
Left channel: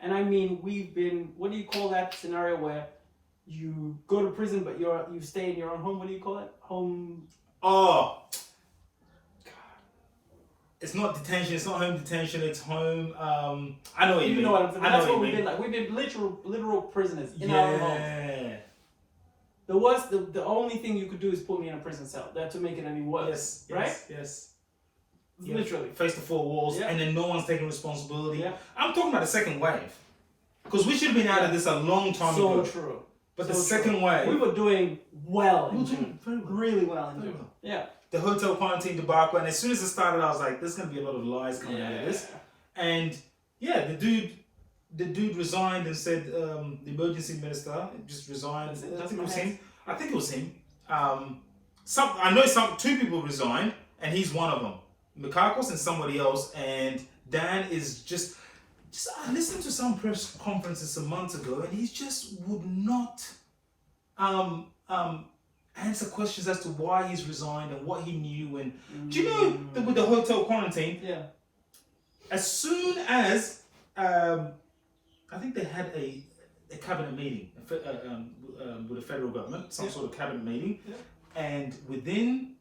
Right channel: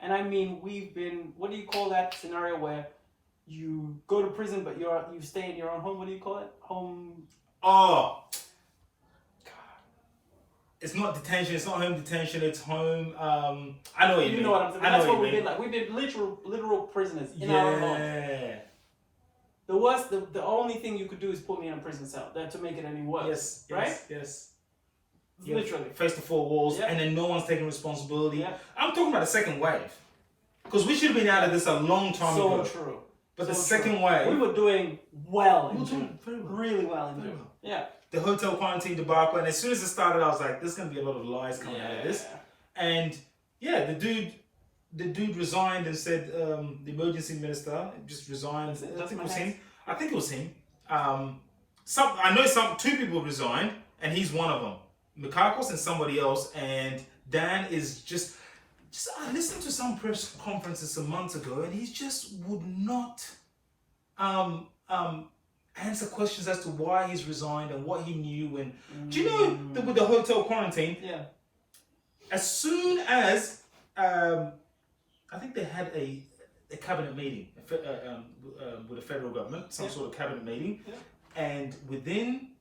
and I mean we've been. What do you call that scenario where you go to prison but you stay in your own home? What do you call it? Home. Oh. God. It's not detention. It's not home detention. It's home. I know what you mean. You know what I'm saying. That's what we've been like. We've been literal prisoners in our own home. The only thing you could do is put me in a prison cell to make it any worse. Yes. Literally. Face the four walls, and then no one's taking responsibility. Yeah. I'm talking about the second wave. Because we should have been out of this a long time ago. So true. But the second wave. We were doing well in June. Really well in June. Yeah. The hotel quarantine debacle, and as soon as it started, I was like, there's going to be a lot of lies coming out of this. And the dude resigned and said the emergency minister just resigned. I think it was him. I know two people resigned, and he's one of them. Mikakos and somebody else, and Dan is just I listened to some press conferences some months ago, and he just would not answer questions as to why he's resigned and what he knew. And do you know that with the hotel quarantine? Yeah. As soon as I think they had a cabinet meeting with the federal government, some sort of cabinet meeting, and within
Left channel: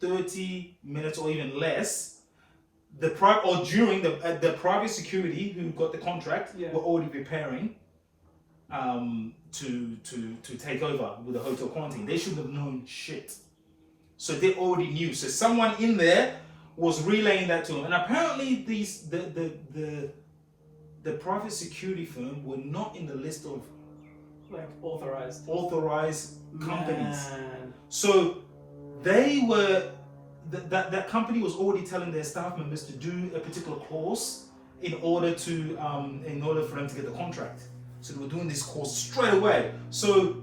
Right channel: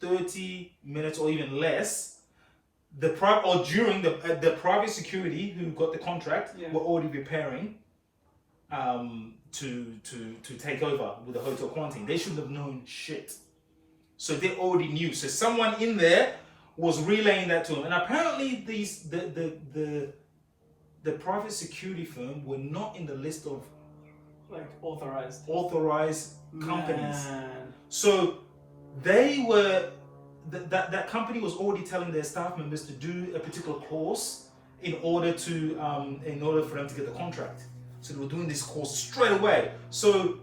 30 minutes or even less, the private security who got the contract were already preparing to take over with the hotel quarantine. They shouldn't have known shit. So they already knew. So someone in there was relaying that to them. And apparently the private security firm were not in the list of like authorized companies. Man. So they were that company was already telling their staff members to do a particular course in order for them to get the contract. So they were doing this course straight away. So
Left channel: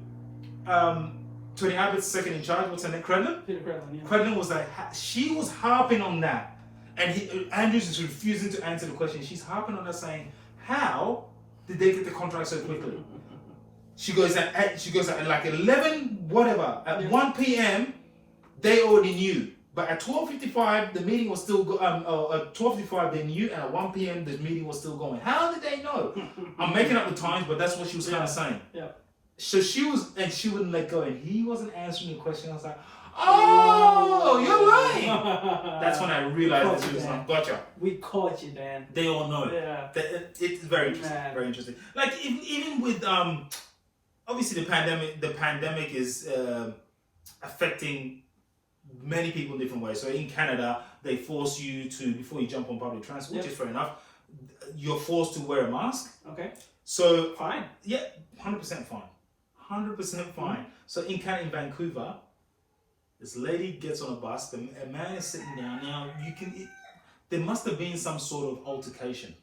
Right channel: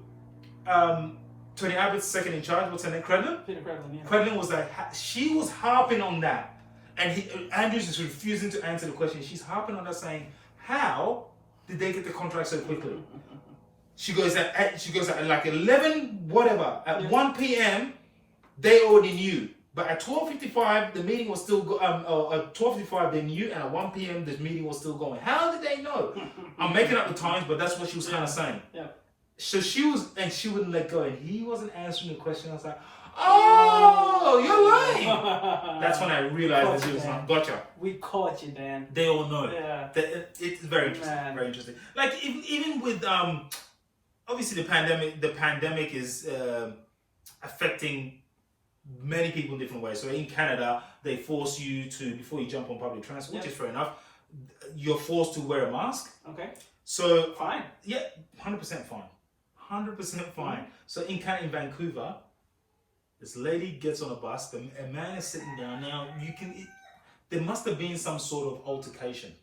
Tony Abbott's second in charge, what's her name? Peter Credlin, yeah. Credlin was like, she was harping on that. And Andrews is refusing to answer the question. She's harping on that, saying, how did they get the contract so quickly? She goes at like 11, whatever, at 1 p.m., they already knew But at 12:55, the meeting was still at 12:55 they knew, and at 1 p.m. the meeting was still going. How did they know? I'm making up the times, but that's what she was kind of saying. Yeah. So she wouldn't let go, and he wasn't answering the question. I was like, oh, you're lying. That's when I realized that she was like, gotcha. We caught you, Dan. They all know. Yeah. It's very interesting. Man. Very interesting. Like even with obviously the pandemic is affecting many people in different ways. So in Canada, they force you to, before you jump on public transport, which is fair enough, you're forced to wear a mask. Okay. So fine. Yeah, 100% fine. 100% fine. So in Canada, in Vancouver, this lady gets on a bus, a man is sitting down. Now there must have been some sort of altercation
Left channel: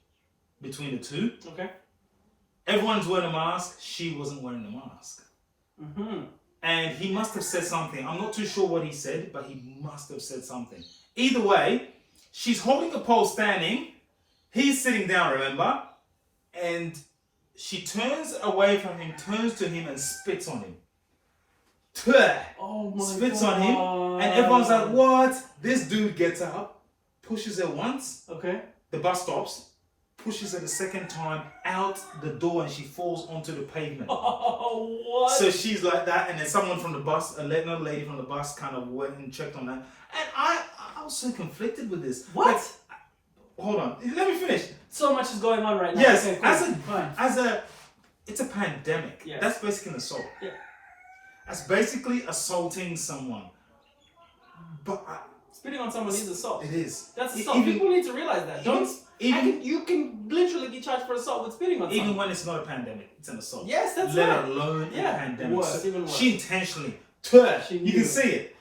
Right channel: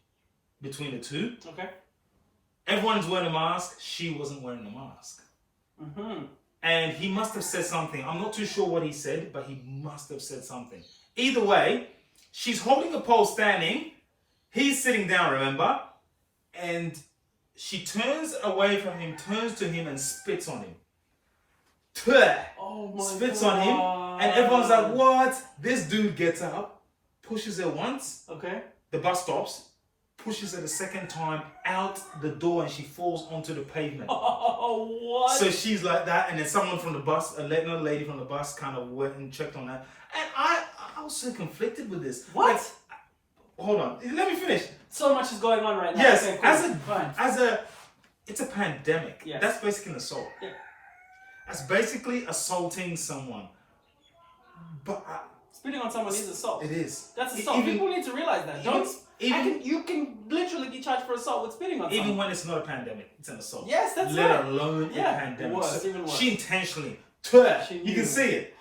between the two. Okay. Everyone's wearing a mask. She wasn't wearing a mask. Mm-hmm. And he must have said something. I'm not too sure what he said, but he must have said something. Either way, she's holding a pole standing. He's sitting down, remember? And she turns away from him, turns to him and spits on him. Oh my spits God. on him. And everyone's like, what? This dude gets up, pushes her once. Okay. The bus stops. Pushes her the second time out the door, and she falls onto the pavement. Oh, what? So she's like that, and then someone from the bus, another lady from the bus, kind of went and checked on that. And I was so conflicted with this. What? Like, hold on, let me finish. So much is going on right now. Yes, Okay, it's a pandemic. Yes. That's basically an assault. Yeah. That's basically assaulting someone. But spitting on someone is assault. it is. That's assault. People need to realize that. You can literally be charged for assault with spitting on someone. Even when it's not a pandemic, it's an assault. Yes, that's Let right. alone a pandemic. Worse, even worse. She intentionally, you can see it.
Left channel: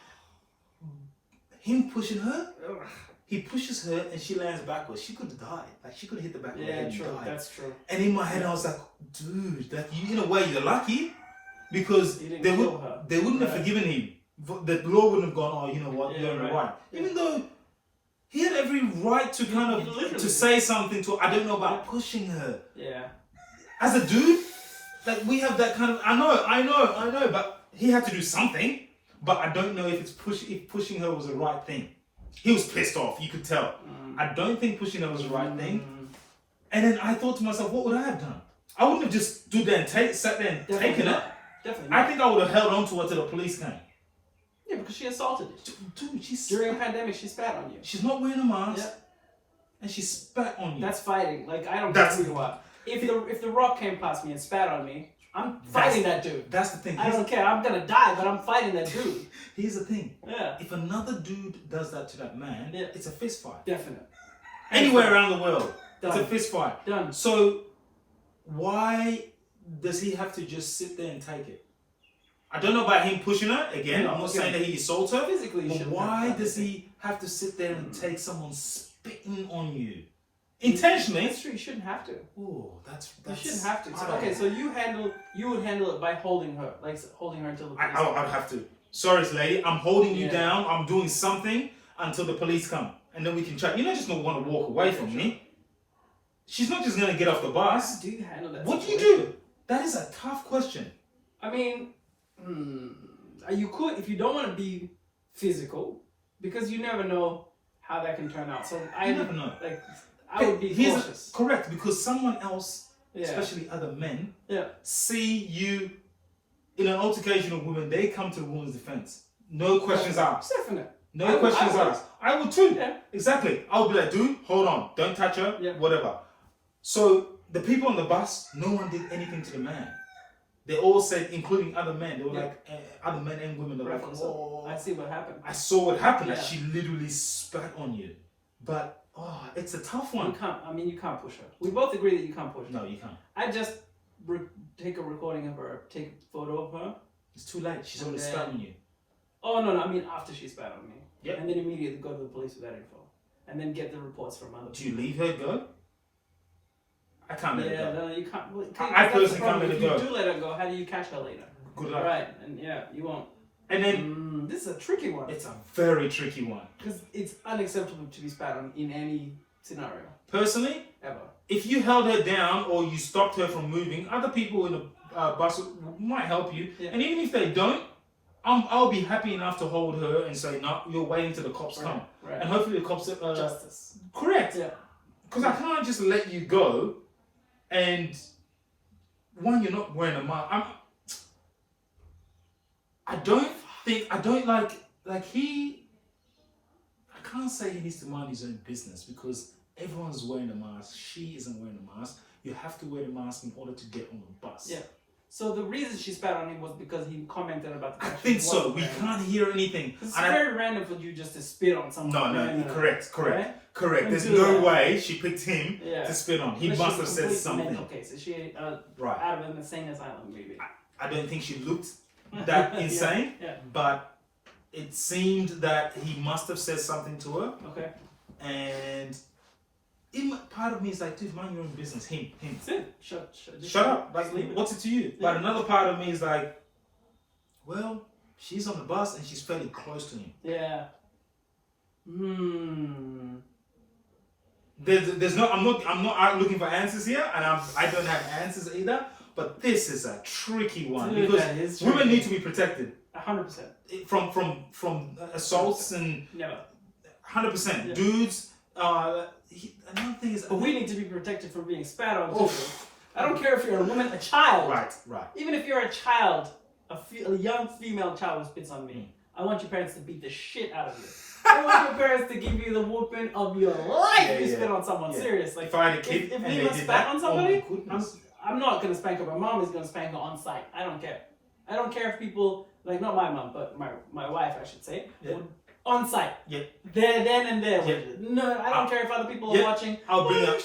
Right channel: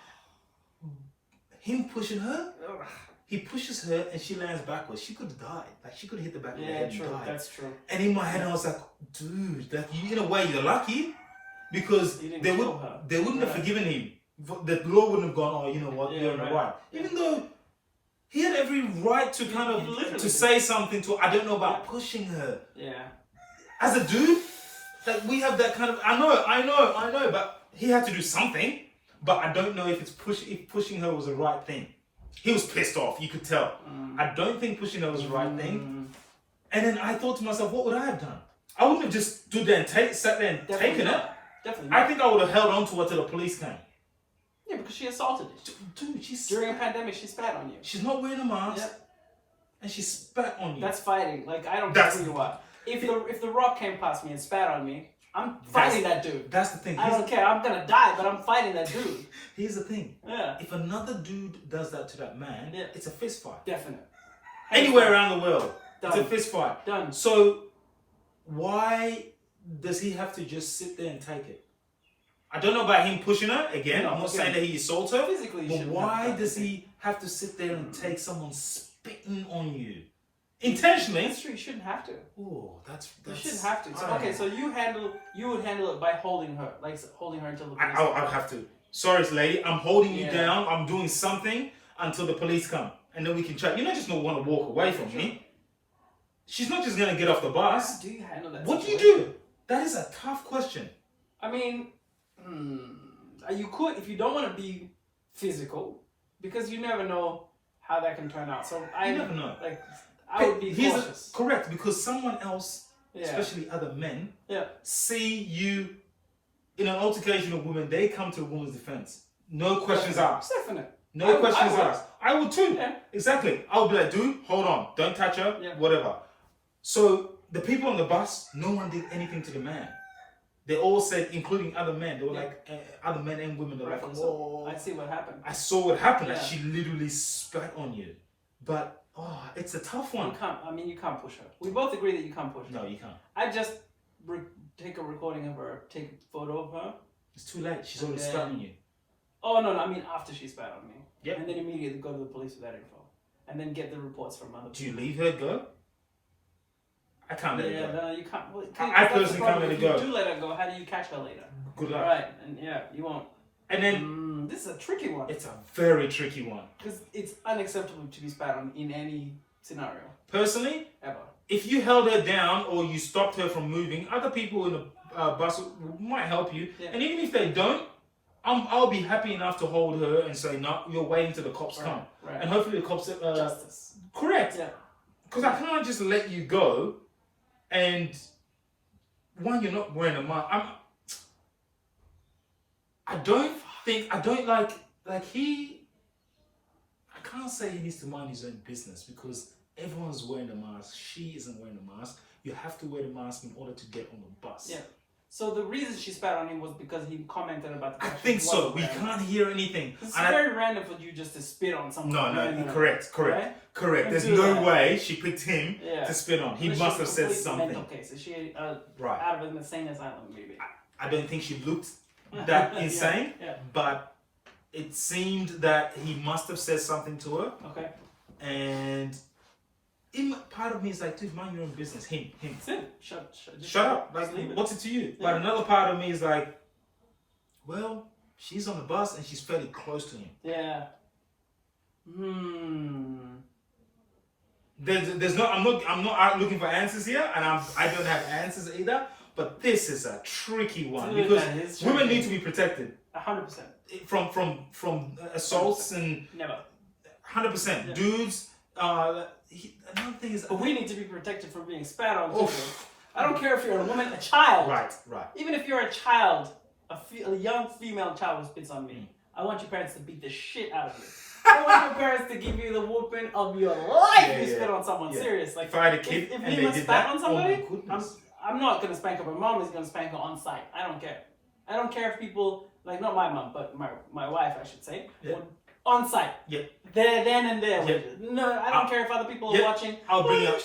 Him pushing her, he pushes her and she lands backwards. She could have died. Like she could have hit the back of her head and died. That's true. And in my head, I was like, dude, that you in a way you're lucky because they wouldn't have forgiven him. The law wouldn't have gone, oh, you know what, you're in the right. Even though he had every right to kind of to say something to her. I don't know about pushing her. Yeah. As a dude, that we have that kind of I know, but he had to do something. But I don't know if pushing her was the right thing. He was pissed off, you could tell. I don't think pushing her was the right thing. And then I thought to myself, what would I have done? I wouldn't have just stood there and sat there and taken it. Definitely not. I think I would have held on to her till the police came. Yeah, because she assaulted you. Dude, during a pandemic, she spat on you. She's not wearing a mask, and she spat on you. That's fighting. Like I don't care who you are. If the Rock came past me and spat on me, I'm fighting that dude. That's the thing. I don't care. I'm gonna die, but I'm fighting that dude. Here's the thing. Yeah. If another dude does that to that man, it's a fist fight. Definitely. Anywhere around the world, Done. It's a fist fight. Done. So why does he have to just sit there and take it? I don't know about him pushing her. Again, I'm not saying that he assaults her. Physically, but why does he have to sit there and take someone spitting on you? Intentionally. That's true. You shouldn't have to. Oh, that's you shouldn't have to. So, okay, so you would handle it by holding her, like holding her until the police come. I'd have to. Sorry, lady, I'm holding you down. I'm doing something until the police come, and then we can chat. You're not just gonna want to walk away from me. She's not just gonna get off the bus. How do you handle that? What do you do? That is a tough question. I mean, you could if you don't want to be physical, because you never know how that can turn out. So I never know. Like. I would be cautious. Correct, because someone else, especially other men, see you in an altercation of women, they come to a woman's defense. No questions asked. Definitely. No questions asked. I would too. Yeah. Exactly. I would be like, dude, hold on. Don't touch her. Yeah. Whatever. So the people on the bus, no one did anything to the man. They all said, including other men, they were like, other men and women, they were like, oh. I see what happened. I saw what happened. Like she literally spat on you. But it's a tough one. You can't push her. We both agree that you can't push her. No, you can't. I just take a recording of her, take a photo of her. It's too late. She's already spat on you. Oh, no, I mean after she spat on me. Yep. And then immediately go to the police with that info. And then get the reports from other people. Do you leave her go? I can't let her go. No, you can't. Well, I personally can't let her go. If you do let her go, how do you catch her later? Good luck. All right, and you won't. And then this is a tricky one. It's a very tricky one. Because it's unacceptable to be spat on in any scenario. Personally, ever. If you held her down or you stopped her from moving, other people in the bus might help you. Yeah. And even if they don't, I'll be happy enough to hold her and say, no, you're waiting till the cops come. Right. And hopefully the cops... Justice. Correct. Yeah. Because I can't just let you go and one, you're not wearing a mask. I don't I can't say he needs to mind his own business because everyone's wearing a mask. She isn't wearing a mask. You have to wear the mask in order to get on the bus. Yeah. So the reason she spat on him was because he commented about the I fact think she so. wasn't We wearing can't hear anything. It's And very random for you just to spit on someone. No, correct. Right? Correct. There's Do no that. way she picked him to spit on. He Unless must she's have said completely something. mental case. So she Right. out of an insane asylum, maybe. I don't think she looked that insane, but it seemed that he must have said something to her. Okay. And part of me is like, dude, mind your own business. Him. That's it. Shut up. Like, what's it to you? But another part of me is like, well, she's on the bus and she's fairly close to him. Yeah. There's no. I'm not out looking for answers here, and I don't have answers either. But this is a tricky one because women need to be protected. 100%. From assaults and never. 100%. Dudes. Another thing is, but we need to be protected from being spat on. I don't care if you're a woman, a child. Right. Even if you're a child, a young female child who spits on me, I want your parents to beat the shit out of you. I want your parents to give you the whooping of your life if you spit on someone. Serious. Like, if I had a kid if and they did spat that, on somebody, oh my goodness. I'm not gonna spank her. My mom is gonna spank her on site. I don't care. I don't care if people, like, not my mom, but my wife, I should say, on site. Yeah. There, then and there. Yeah. No, I don't care if other people are watching. I'll bring up.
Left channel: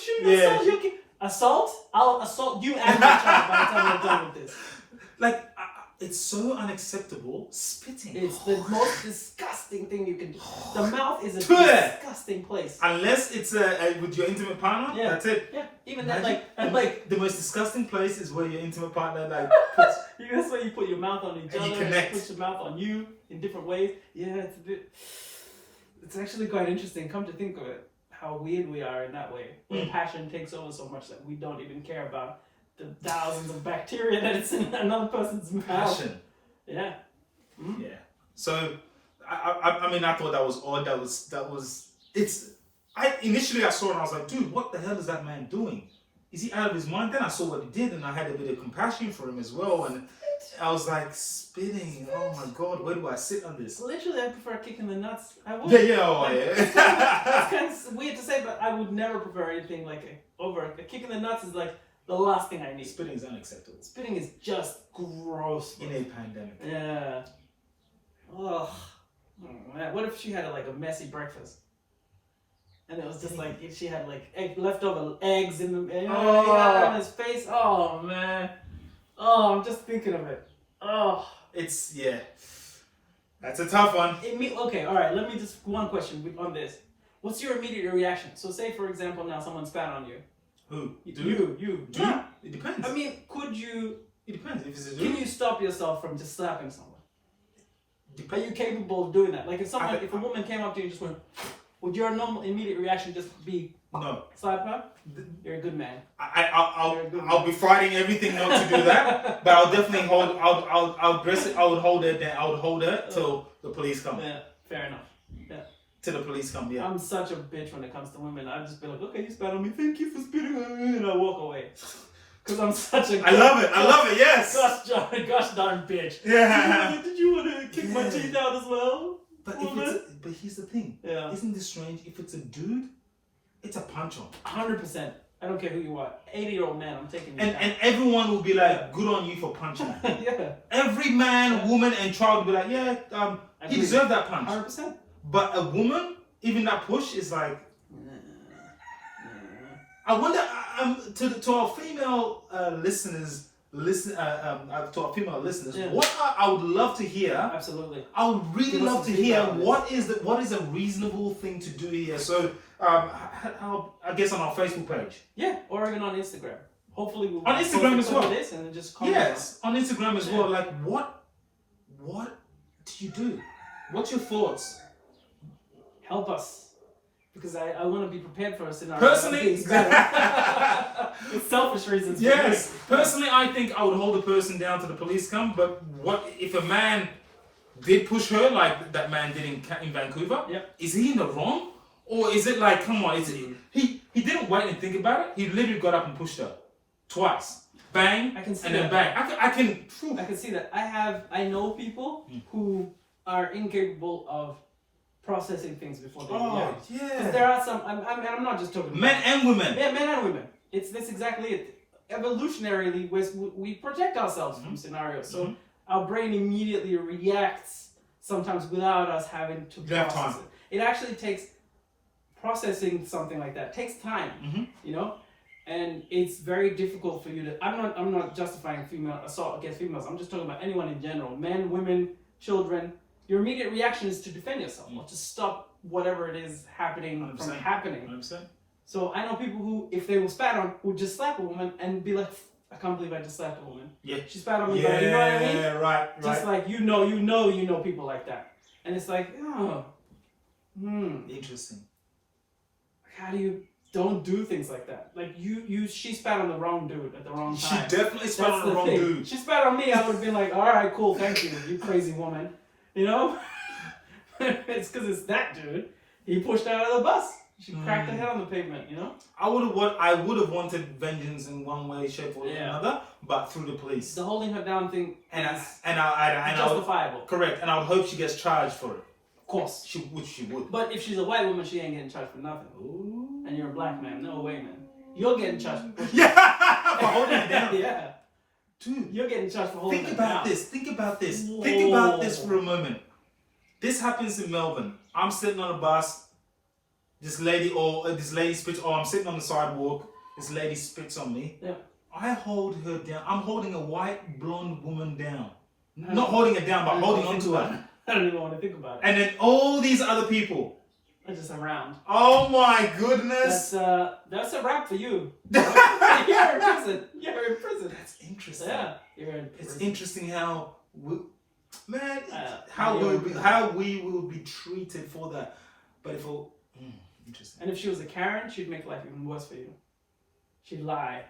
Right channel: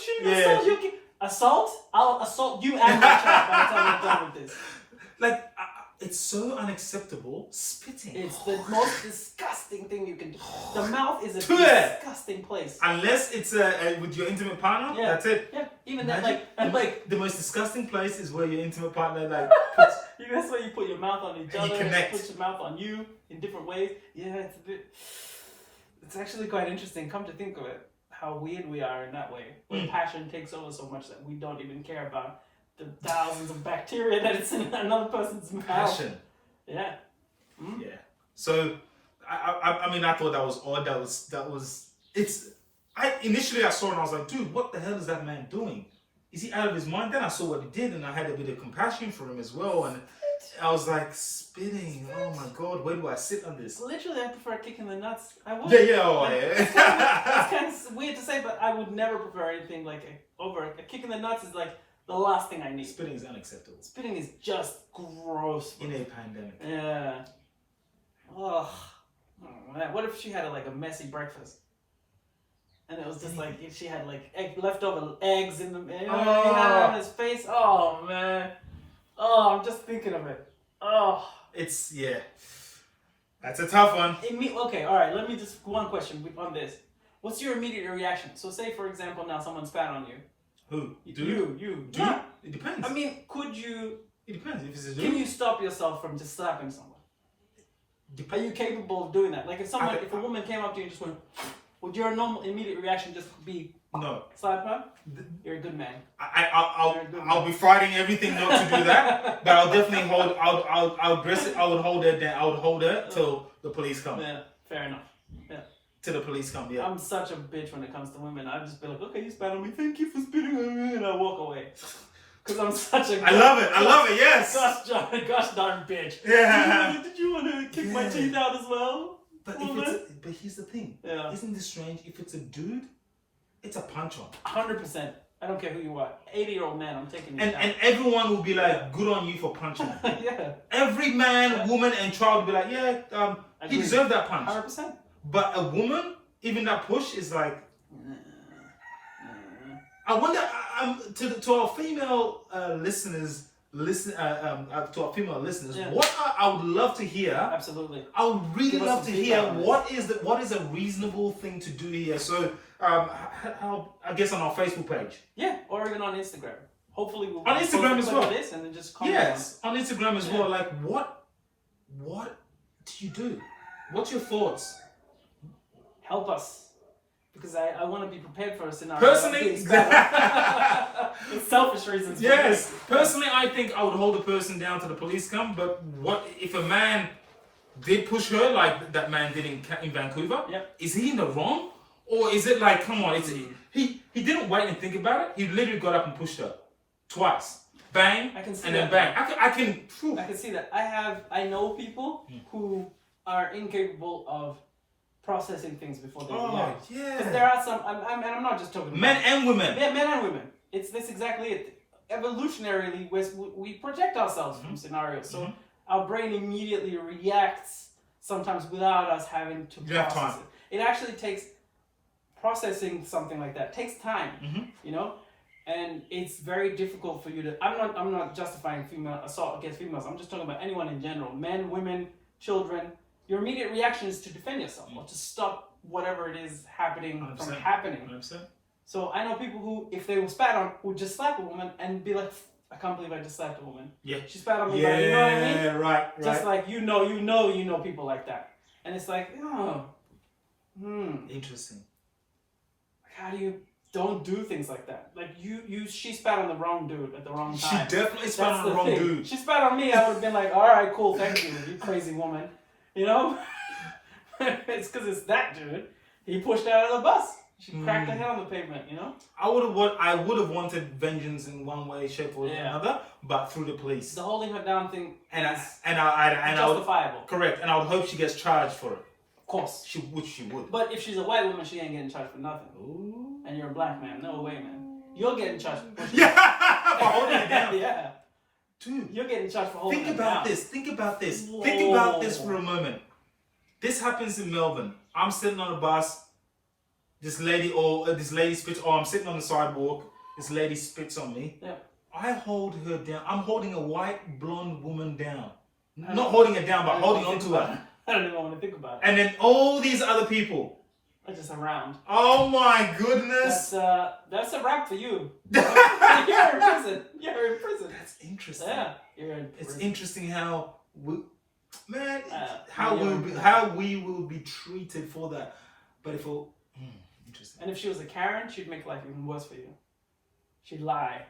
Assault? I'll assault you and my child by the time we're done with this. Like, it's so unacceptable. Spitting. It's the most disgusting thing you can do. The mouth is a disgusting place. Unless it's with your intimate partner. Yeah. That's it. Yeah. Even that, like the most disgusting place is where your intimate partner puts. That's where you put your mouth on each other. You connect. Put your mouth on you in different ways. Yeah, it's actually quite interesting. Come to think of it, how weird we are in that way. Where passion takes over so much that we don't even care about the thousands of bacteria that it's in another person's mouth. Passion. Yeah. Yeah. So, I mean, I thought that was odd. Initially I saw it and I was like, dude, what the hell is that man doing? Is he out of his mind? Then I saw what he did and I had a bit of compassion for him as well. And I was like, spitting. Oh my God, where do I sit on this? Literally, I prefer a kick in the nuts. I would. Yeah. It's kind of weird to say, but I would never prefer anything like over a kick in the nuts is like the last thing I need. Spitting is unacceptable. Spitting is just gross. In a pandemic. Yeah. Ugh. Oh, man. What if she had a messy breakfast? And it was just like, she had leftover eggs in on his face. Oh, man. Oh, I'm just thinking of it. Oh. It's, that's a tough one. Okay, all right. Let me just, one question on this. What's your immediate reaction? So say, for example, now someone spat on you. Who? You. Dude? Yeah. It depends. I mean, could you... It depends. If it's a dude. Can you stop yourself from just slapping someone? Are you capable of doing that? Like if a woman came up to you and just went, would your normal immediate reaction just be no? Slap her? You're a good man. I'll be fighting everything not to do that, but I'll definitely hold. I'll dress it. I would hold her down. I would hold her till the police come. Yeah, fair enough. Yeah. Till the police come. Yeah. I'm such a bitch when it comes to women. I'd just be like, okay, you spat on me. Thank you for spitting on me, and I walk away. Because I'm such a... I love it, yes! Gosh darn bitch. Yeah. Did you want to kick my teeth out as well? But here's the thing. Yeah. Isn't this strange? If it's a dude, it's a punch on. 100%. I don't care who you are. 80-year-old man, I'm taking you down. And everyone will be like, good on you for punching. Yeah. Every man, woman, and child will be like, he deserved that punch. 100%. But a woman, even that push is like... I wonder to our female listeners, what I would love to hear. Absolutely. I would really love to hear what is a reasonable thing to do here. So I guess on our Facebook page. Yeah, or even on Instagram. Hopefully we'll on Instagram as well. This and then just comment. Yes, on Instagram as well. Like what do you do? What's your thoughts? Help us. Because I want to be prepared for a scenario. Personally, it's selfish reasons. Yes. Personally, I think I would hold a person down till the police come. But what if a man did push her like that man did in Vancouver, Yep. is he in the wrong? Or is it like, come on, he didn't wait and think about it. He literally got up and pushed her twice. Bang, I can see and then that. bang. I can see that. I know people who are incapable of processing things before they react. yeah. Because there are some, I'm not just talking men and women. Yeah, men and women. That's exactly it. Evolutionarily, we protect ourselves from scenarios. So our brain immediately reacts sometimes without us having to process it. It actually takes processing something like that. It takes time, you know? And it's very difficult for you to. I'm not justifying female assault against females. I'm just talking about anyone in general. Men, women, children. Your immediate reaction is to defend yourself or to stop whatever it is happening 100%. from happening. 100%. So I know people who, if they were spat on, would just slap a woman and be like, "I can't believe I just slapped a woman." Yeah. She spat on me, but you know what I mean? Yeah, right. Just like you know people like that, and it's like, Interesting. How do you? Don't do things like that. Like she spat on the wrong dude at the wrong time. She definitely spat on the wrong dude. She spat on me, I would have been like, all right, cool, thank you, you crazy woman. You know? It's because it's that dude. He pushed her out of the bus. She cracked her head on the pavement, you know? I would have wanted vengeance in one way, shape, or another, but through the police. The holding her down thing and is justifiable. Correct, and I would hope she gets charged for it. Of course. Which she would. But if she's a white woman, she ain't getting charged for nothing. Ooh. And you're a black man. No way, man. You're getting charged for for holding it down. Yeah. Dude. You're getting charged for holding it down. Think about this. Whoa. Think about this for a moment. This happens in Melbourne. I'm sitting on a bus. This lady spits. Oh, I'm sitting on the sidewalk. This lady spits on me. Yeah. I hold her down. I'm holding a white blonde woman down. Not holding her down, but holding onto her. I don't even want to think about it. And then all these other people are just around. Oh my goodness! That's a wrap for you. You're in prison. You're in prison. That's interesting. Yeah, you're in prison. It's interesting how we will be treated for that. But interesting. And if she was a Karen, she'd make life even worse for you. She'd lie.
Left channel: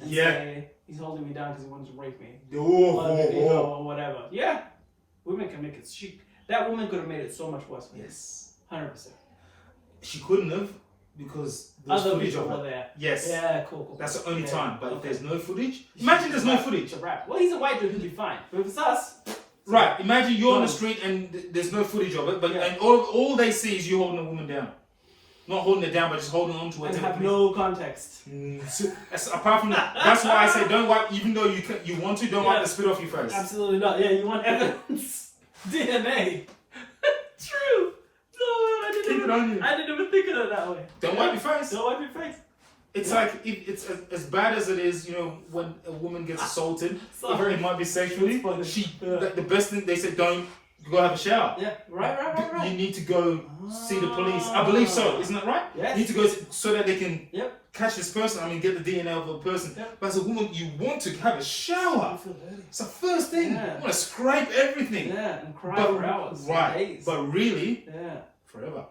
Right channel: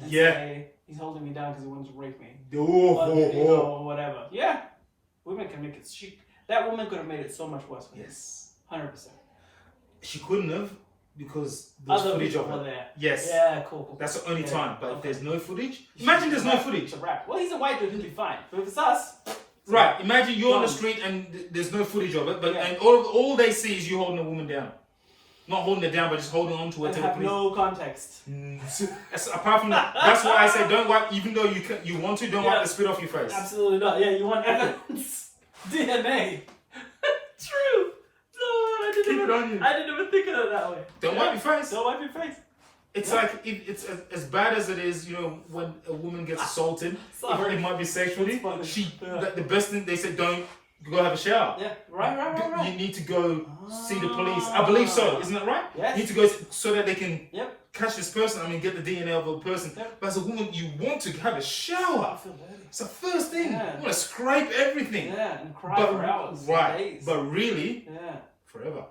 And say, he's holding me down because he wants to rape me. Or whatever. Yeah. Women can make it. That woman could have made it so much worse for you. Yes. 100%. She couldn't have because there's footage of it. There. Yes. Yeah, cool. That's the only time. But if there's no footage, imagine there's no footage. It's a wrap. Well, he's a white dude, he'll be fine. But if it's us. Right. Imagine you're on the street and there's no footage of it, and all they see is you holding a woman down. Not holding her down, but just holding on to her. And have no context. Apart from that, that's why I say don't wipe. Even though you want to, don't wipe the spit off your face. Absolutely not. Yeah, you want evidence. DNA. True. No, I didn't even think of it that way. Don't wipe your face. Don't wipe your face. It's like it's as bad as it is, when a woman gets assaulted. It might be sexually. The best thing they said, don't go have a shower. Yeah, right. You need to go see the police. I believe so. Isn't that right? Yeah. You need to go so that they can catch this person. Get the DNA of a person. Yep. But as a woman, you want to have a shower. It's the first thing. You want to scrape everything. Yeah, and cry for hours. Right. Days. But really, forever.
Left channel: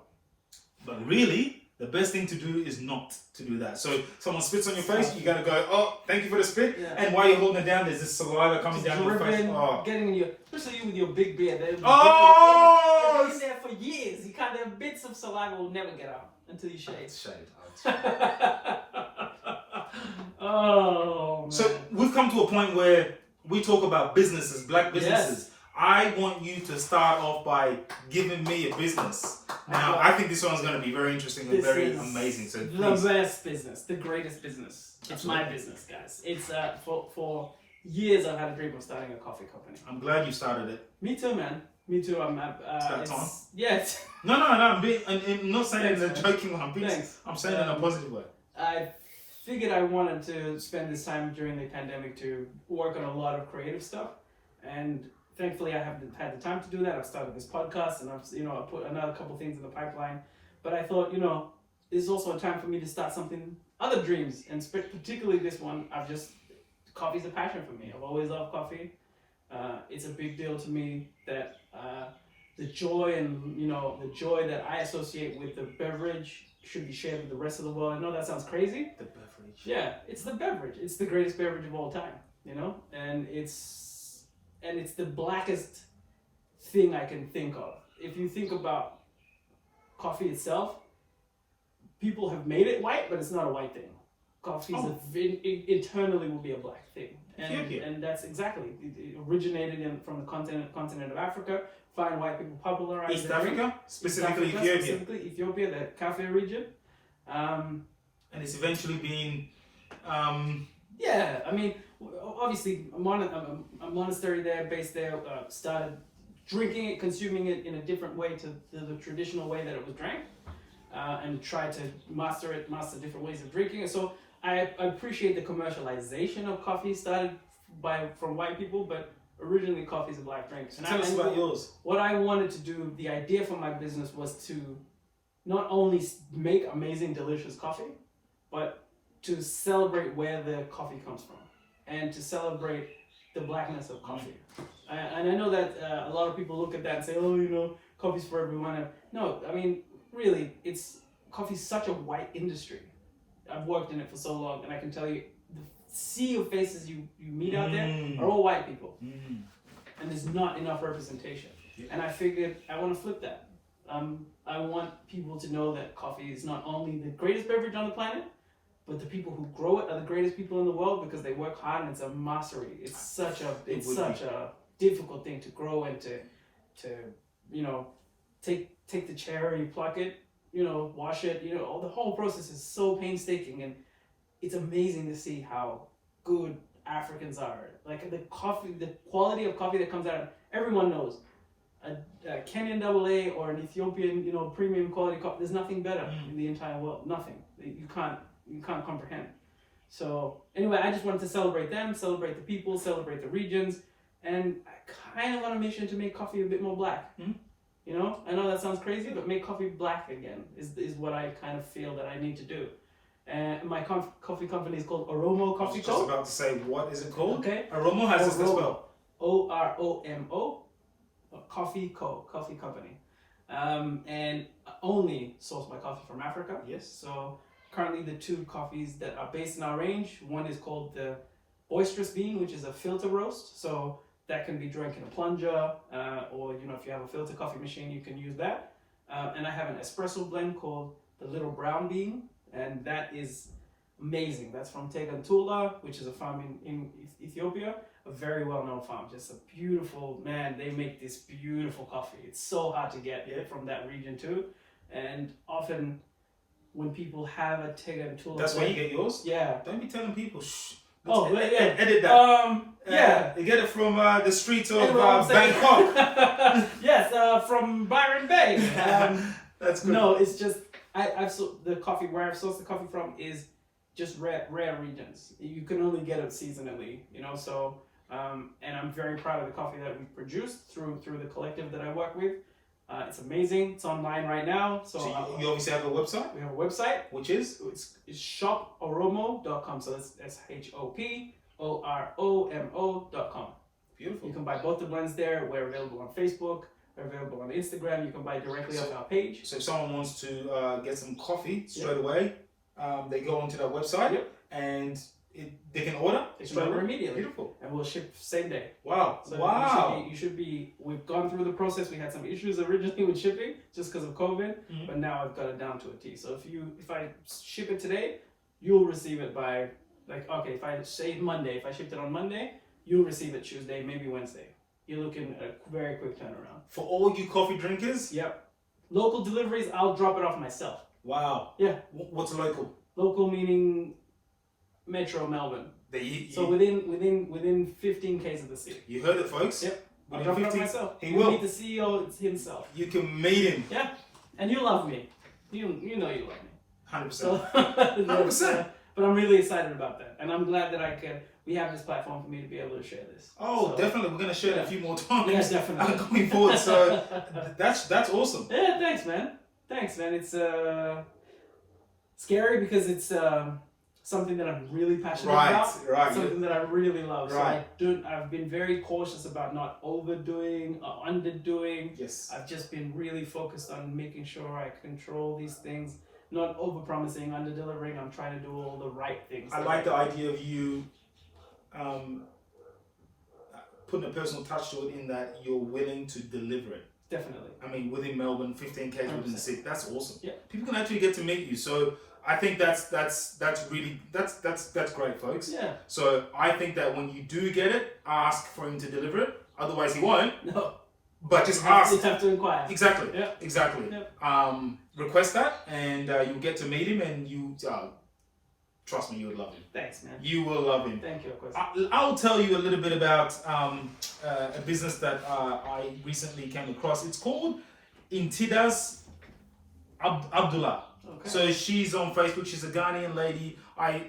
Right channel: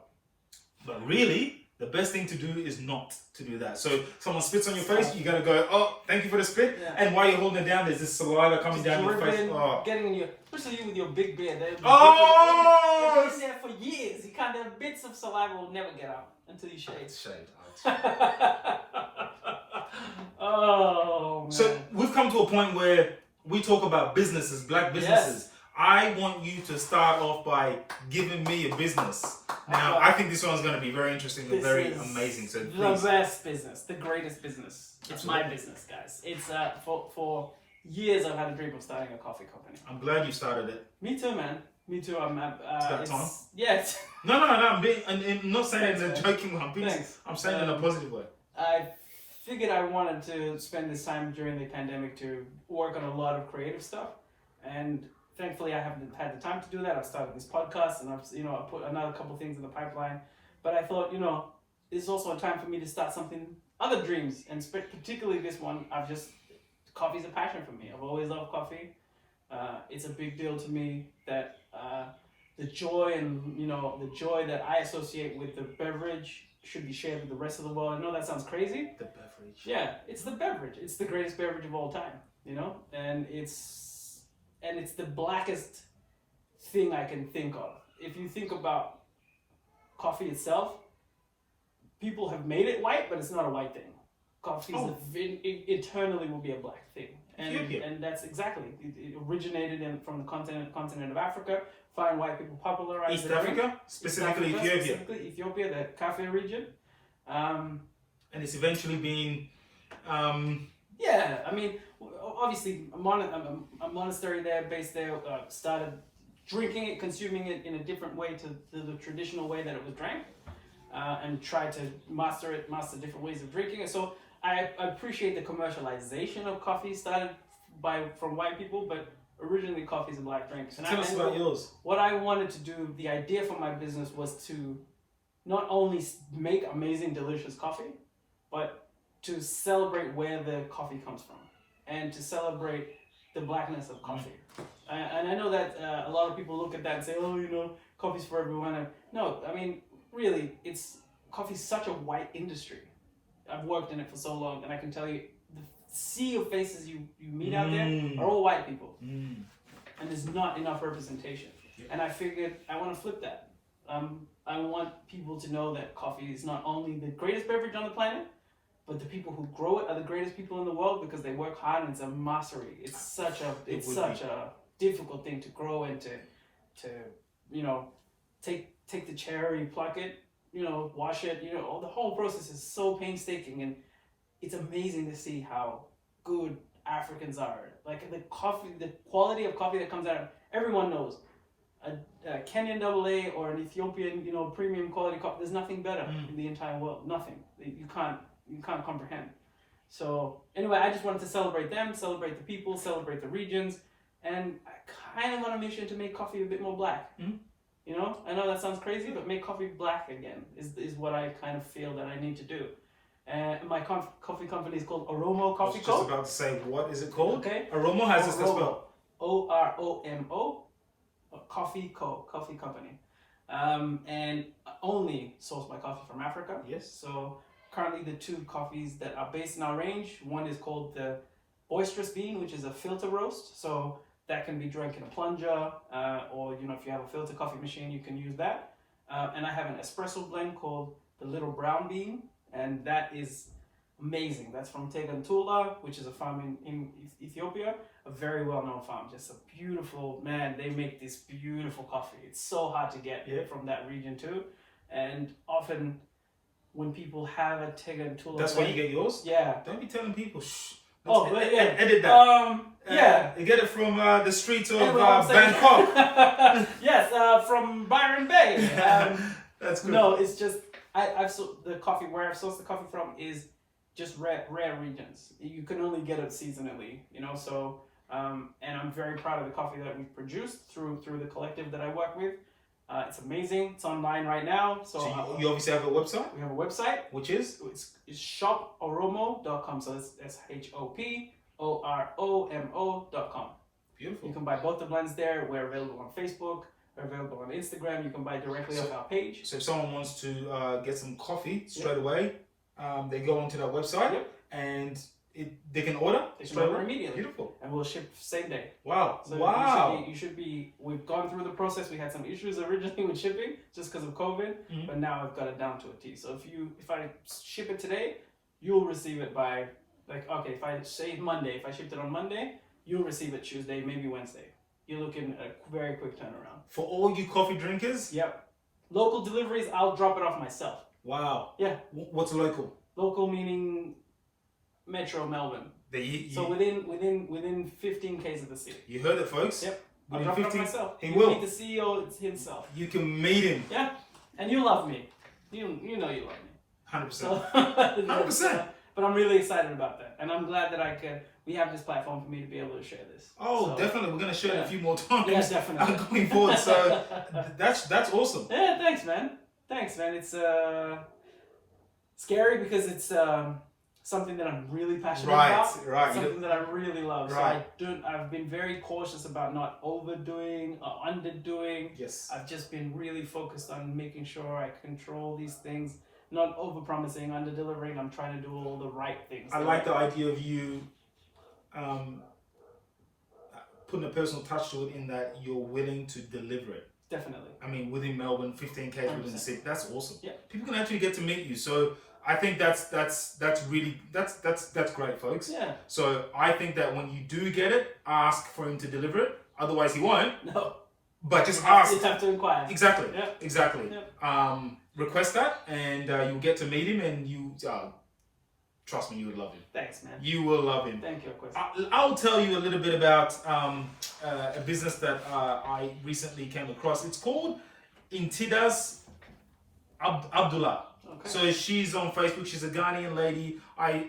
But really, the best thing to do is not to do that. So if someone spits on your face, you gotta go, oh, thank you for the spit. Yeah. And while you're holding it down, there's this saliva coming down your face. Getting in your, especially you with your big beard. They've been there for years. You can't. Their bits of saliva will never get out until you shave. Oh man. So we've come to a point where we talk about businesses, black businesses. Yes. I want you to start off by giving me a business. Now, I think this one's going to be very interesting and very amazing. So the best business, the greatest business. It's my business, guys. It's for years I've had a dream of starting a coffee company. I'm glad you started it. Me too, man. Me too. It's about time. Yeah. No. I'm not saying it in a joking way. I'm saying it in a positive way. I figured I wanted to spend this time during the pandemic to work on a lot of creative stuff, and thankfully, I haven't had the time to do that. I've started this podcast, and I've put another couple things in the pipeline. But I thought, this is also a time for me to start something, other dreams, and particularly this one. Coffee's a passion for me. I've always loved coffee. It's a big deal to me that the joy that I associate with the beverage should be shared with the rest of the world. I know that sounds crazy. The beverage. Yeah, it's the beverage. It's the greatest beverage of all time. And it's the blackest thing I can think of. If you think about coffee itself, people have made it white, but it's not a white thing. Coffee eternally will be a black thing, and that's exactly it originated from the continent of Africa. Fine white people popularized East it. Africa, specifically Ethiopia. Specifically Ethiopia, the Cafe region. And it's eventually been. Yeah, I mean, obviously, a monastery there, based there, started drinking it, consuming it in a different way to the traditional way that it was drank, and tried to master different ways of drinking it. So I appreciate the commercialization of coffee started from white people, but originally coffee is a black drink. And tell us about yours. What I wanted to do, the idea for my business was to not only make amazing, delicious coffee, but to celebrate where the coffee comes from and to celebrate the blackness of coffee. And I know that a lot of people look at that and say, oh, you know, coffee's for everyone. No, I mean, really, coffee's such a white industry. I've worked in it for so long, and I can tell you, the sea of faces you meet out there are all white people. And there's not enough representation. And I figured I want to flip that. I want people to know that coffee is not only the greatest beverage on the planet, but the people who grow it are the greatest people in the world because they work hard and it's a mastery. It's such a difficult thing to grow and to you know, take the cherry, pluck it, you know, wash it, you know, the whole process is so painstaking, and it's amazing to see how good Africans are. Like the quality of coffee that comes out, everyone knows. A Kenyan AA or an Ethiopian, you know, premium quality coffee, there's nothing better in the entire world. Nothing. You can't comprehend. So anyway, I just wanted to celebrate them, celebrate the people, celebrate the regions, and I kind of on a mission to make coffee a bit more black. You know, I know that sounds crazy, but make coffee black again is what I kind of feel that I need to do. And my coffee company is called Oromo Coffee Co. I was just about to say, what is it called? Okay. Oromo has this spelled. Oromo, Coffee Co. Coffee company. And only source my coffee from Africa. Yes. So currently the two coffees that are based in our range, one is called the Boisterous Bean, which is a filter roast. So that can be drank in a plunger, or you know, if you have a filter coffee machine, you can use that. And I have an espresso blend called the Little Brown Bean, and that is amazing. That's from Tegantula, which is a farm in Ethiopia, a very well-known farm. Just a beautiful, man, they make this beautiful coffee. It's so hard to get from that region too. And often when people have a Tegantula, that's where you get yours? Yeah. Don't be telling people, shh. Edit that. You get it from the streets of Bangkok. Yes, from Byron Bay. That's good. No, it's just the coffee where I've sourced the coffee from is just rare regions. You can only get it seasonally, you know. So, and I'm very proud of the coffee that we've produced through the collective that I work with. It's amazing. It's online right now. So you obviously have a website? We have a website. Which is? It's shoporomo.com. So it's shoporomo.com. Beautiful. You can buy both the blends there. We're available on Facebook. We're available on Instagram. You can buy directly off our page. So if someone wants to get some coffee straight away, they go onto that website and they can order. They can order immediately. Beautiful. And we'll ship same day. Wow. So wow. You should be. We've gone through the process. We had some issues originally with shipping just because of COVID, but now I've got it down to a T. So if I ship it today, you'll receive it by if I say Monday, if I shipped it on Monday, you'll receive it Tuesday, maybe Wednesday. You're looking at a very quick turnaround. For all you coffee drinkers? Yep. Local deliveries, I'll drop it off myself. Wow. Yeah. What's local? Local meaning Metro Melbourne. So within 15 k's of the city. You heard it, folks. Yep. Within I'll drop 15, it myself. He will. Meet the CEO himself. You can meet him. Yeah. And you love me. You know you love me. 100%. So, 100%. But I'm really excited about that, and I'm glad that we have this platform for me to be able to share this. Oh, so, definitely. We're gonna share it a few more times. Yeah, definitely. Going forward, so that's awesome. Yeah, thanks, man. It's scary because it's something that I'm really passionate about. Right. Something that I really love. Right. So I've been very cautious about not overdoing or underdoing. Yes. I've just been really focused on making sure I control these things. Not over-promising, under-delivering. I'm trying to do all the right things. I like the idea of you putting a personal touch to it in that you're willing to deliver it. Definitely. I mean, within Melbourne, 15K within the 100%. city. That's awesome. Yeah. People can actually get to meet you. So I think that's really that's great, folks. Yeah. So I think that when you do get it, ask for him to deliver it. Otherwise, he won't. No. But just ask. You have to inquire. Exactly. Yeah. Exactly. Yeah. Request that, and you'll get to meet him, and you trust me, you would love him. Thanks, man. You will love him. Thank you, of course. I'll tell you a little bit about a business that I recently came across. It's called Intidas Abdullah. Okay. So she's on Facebook. She's a Ghanaian lady. I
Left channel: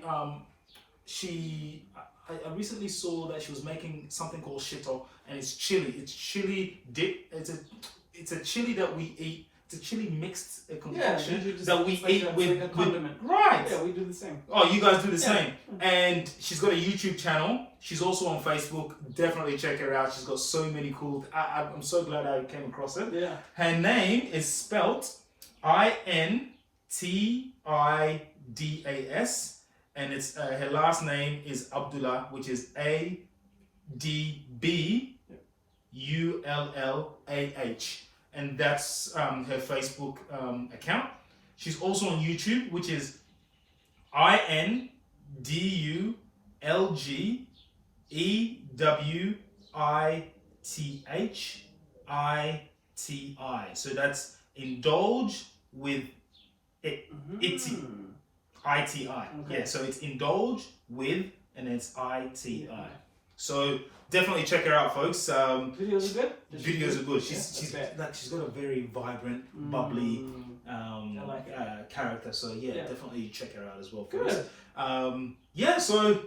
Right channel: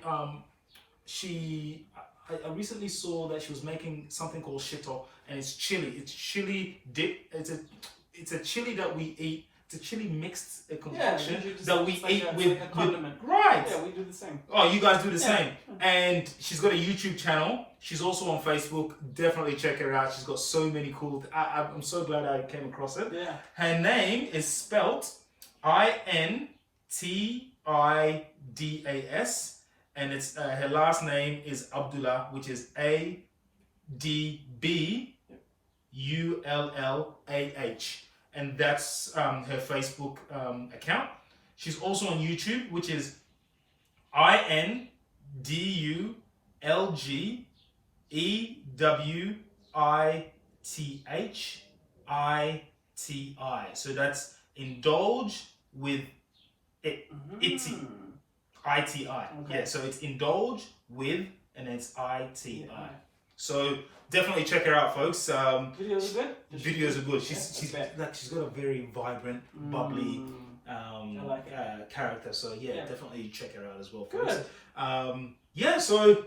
recently saw that she was making something called shito, and it's chili. It's chili dip. It's a chili that we eat. It's a chili mixed concoction that we eat with a condiment. Right. Yeah, we do the same. Oh, you guys do the same. And she's got a YouTube channel. She's also on Facebook. Definitely check her out. She's got so many cool. I'm so glad I came across it. Yeah. Her name is spelt Intidas, and it's her last name is Abdullah, which is ADBULLAH, and that's her Facebook account. She's also on YouTube, which is INDULGEWITHITI. So that's indulge with it, iti. ITI. Okay. Yeah, so it's indulge with, and it's ITI. So definitely check her out, folks. Videos are good. Videos are good. She's got a very vibrant, bubbly character. So yeah, definitely check her out as well, folks. Good. Yeah, so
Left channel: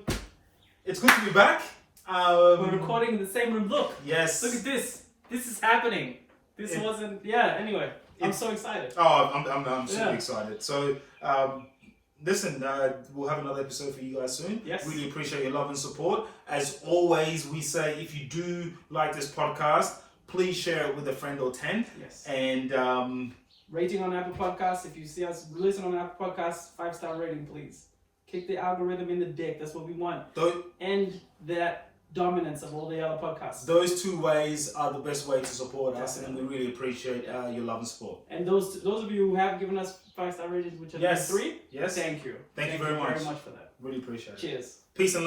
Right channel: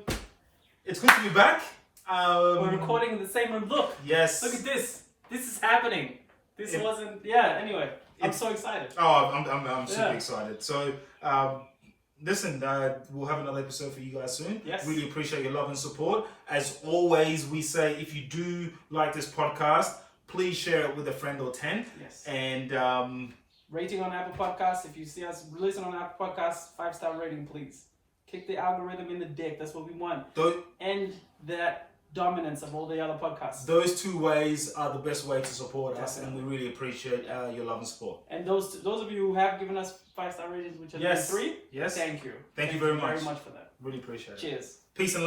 it's good to be back. We're recording in the same room. Look. Yes. Look at this. This is happening. This wasn't. Yeah. Anyway, I'm so excited. Oh, I'm super excited. So. Listen, we'll have another episode for you guys soon. Yes. Really appreciate your love and support. As always, we say if you do like this podcast, please share it with a friend or 10. Yes. And rating on Apple Podcasts. If you see us listen on Apple Podcasts, 5-star rating, please. Kick the algorithm in the dick. That's what we want. And that dominance of all the other podcasts. Those two ways are the best way to support us, and we really appreciate your love and support. And those of you who have given us 5-star ratings, which are 3, yes, thank you. Thank you very much. Very much for that. Really appreciate it. Cheers. Peace and love.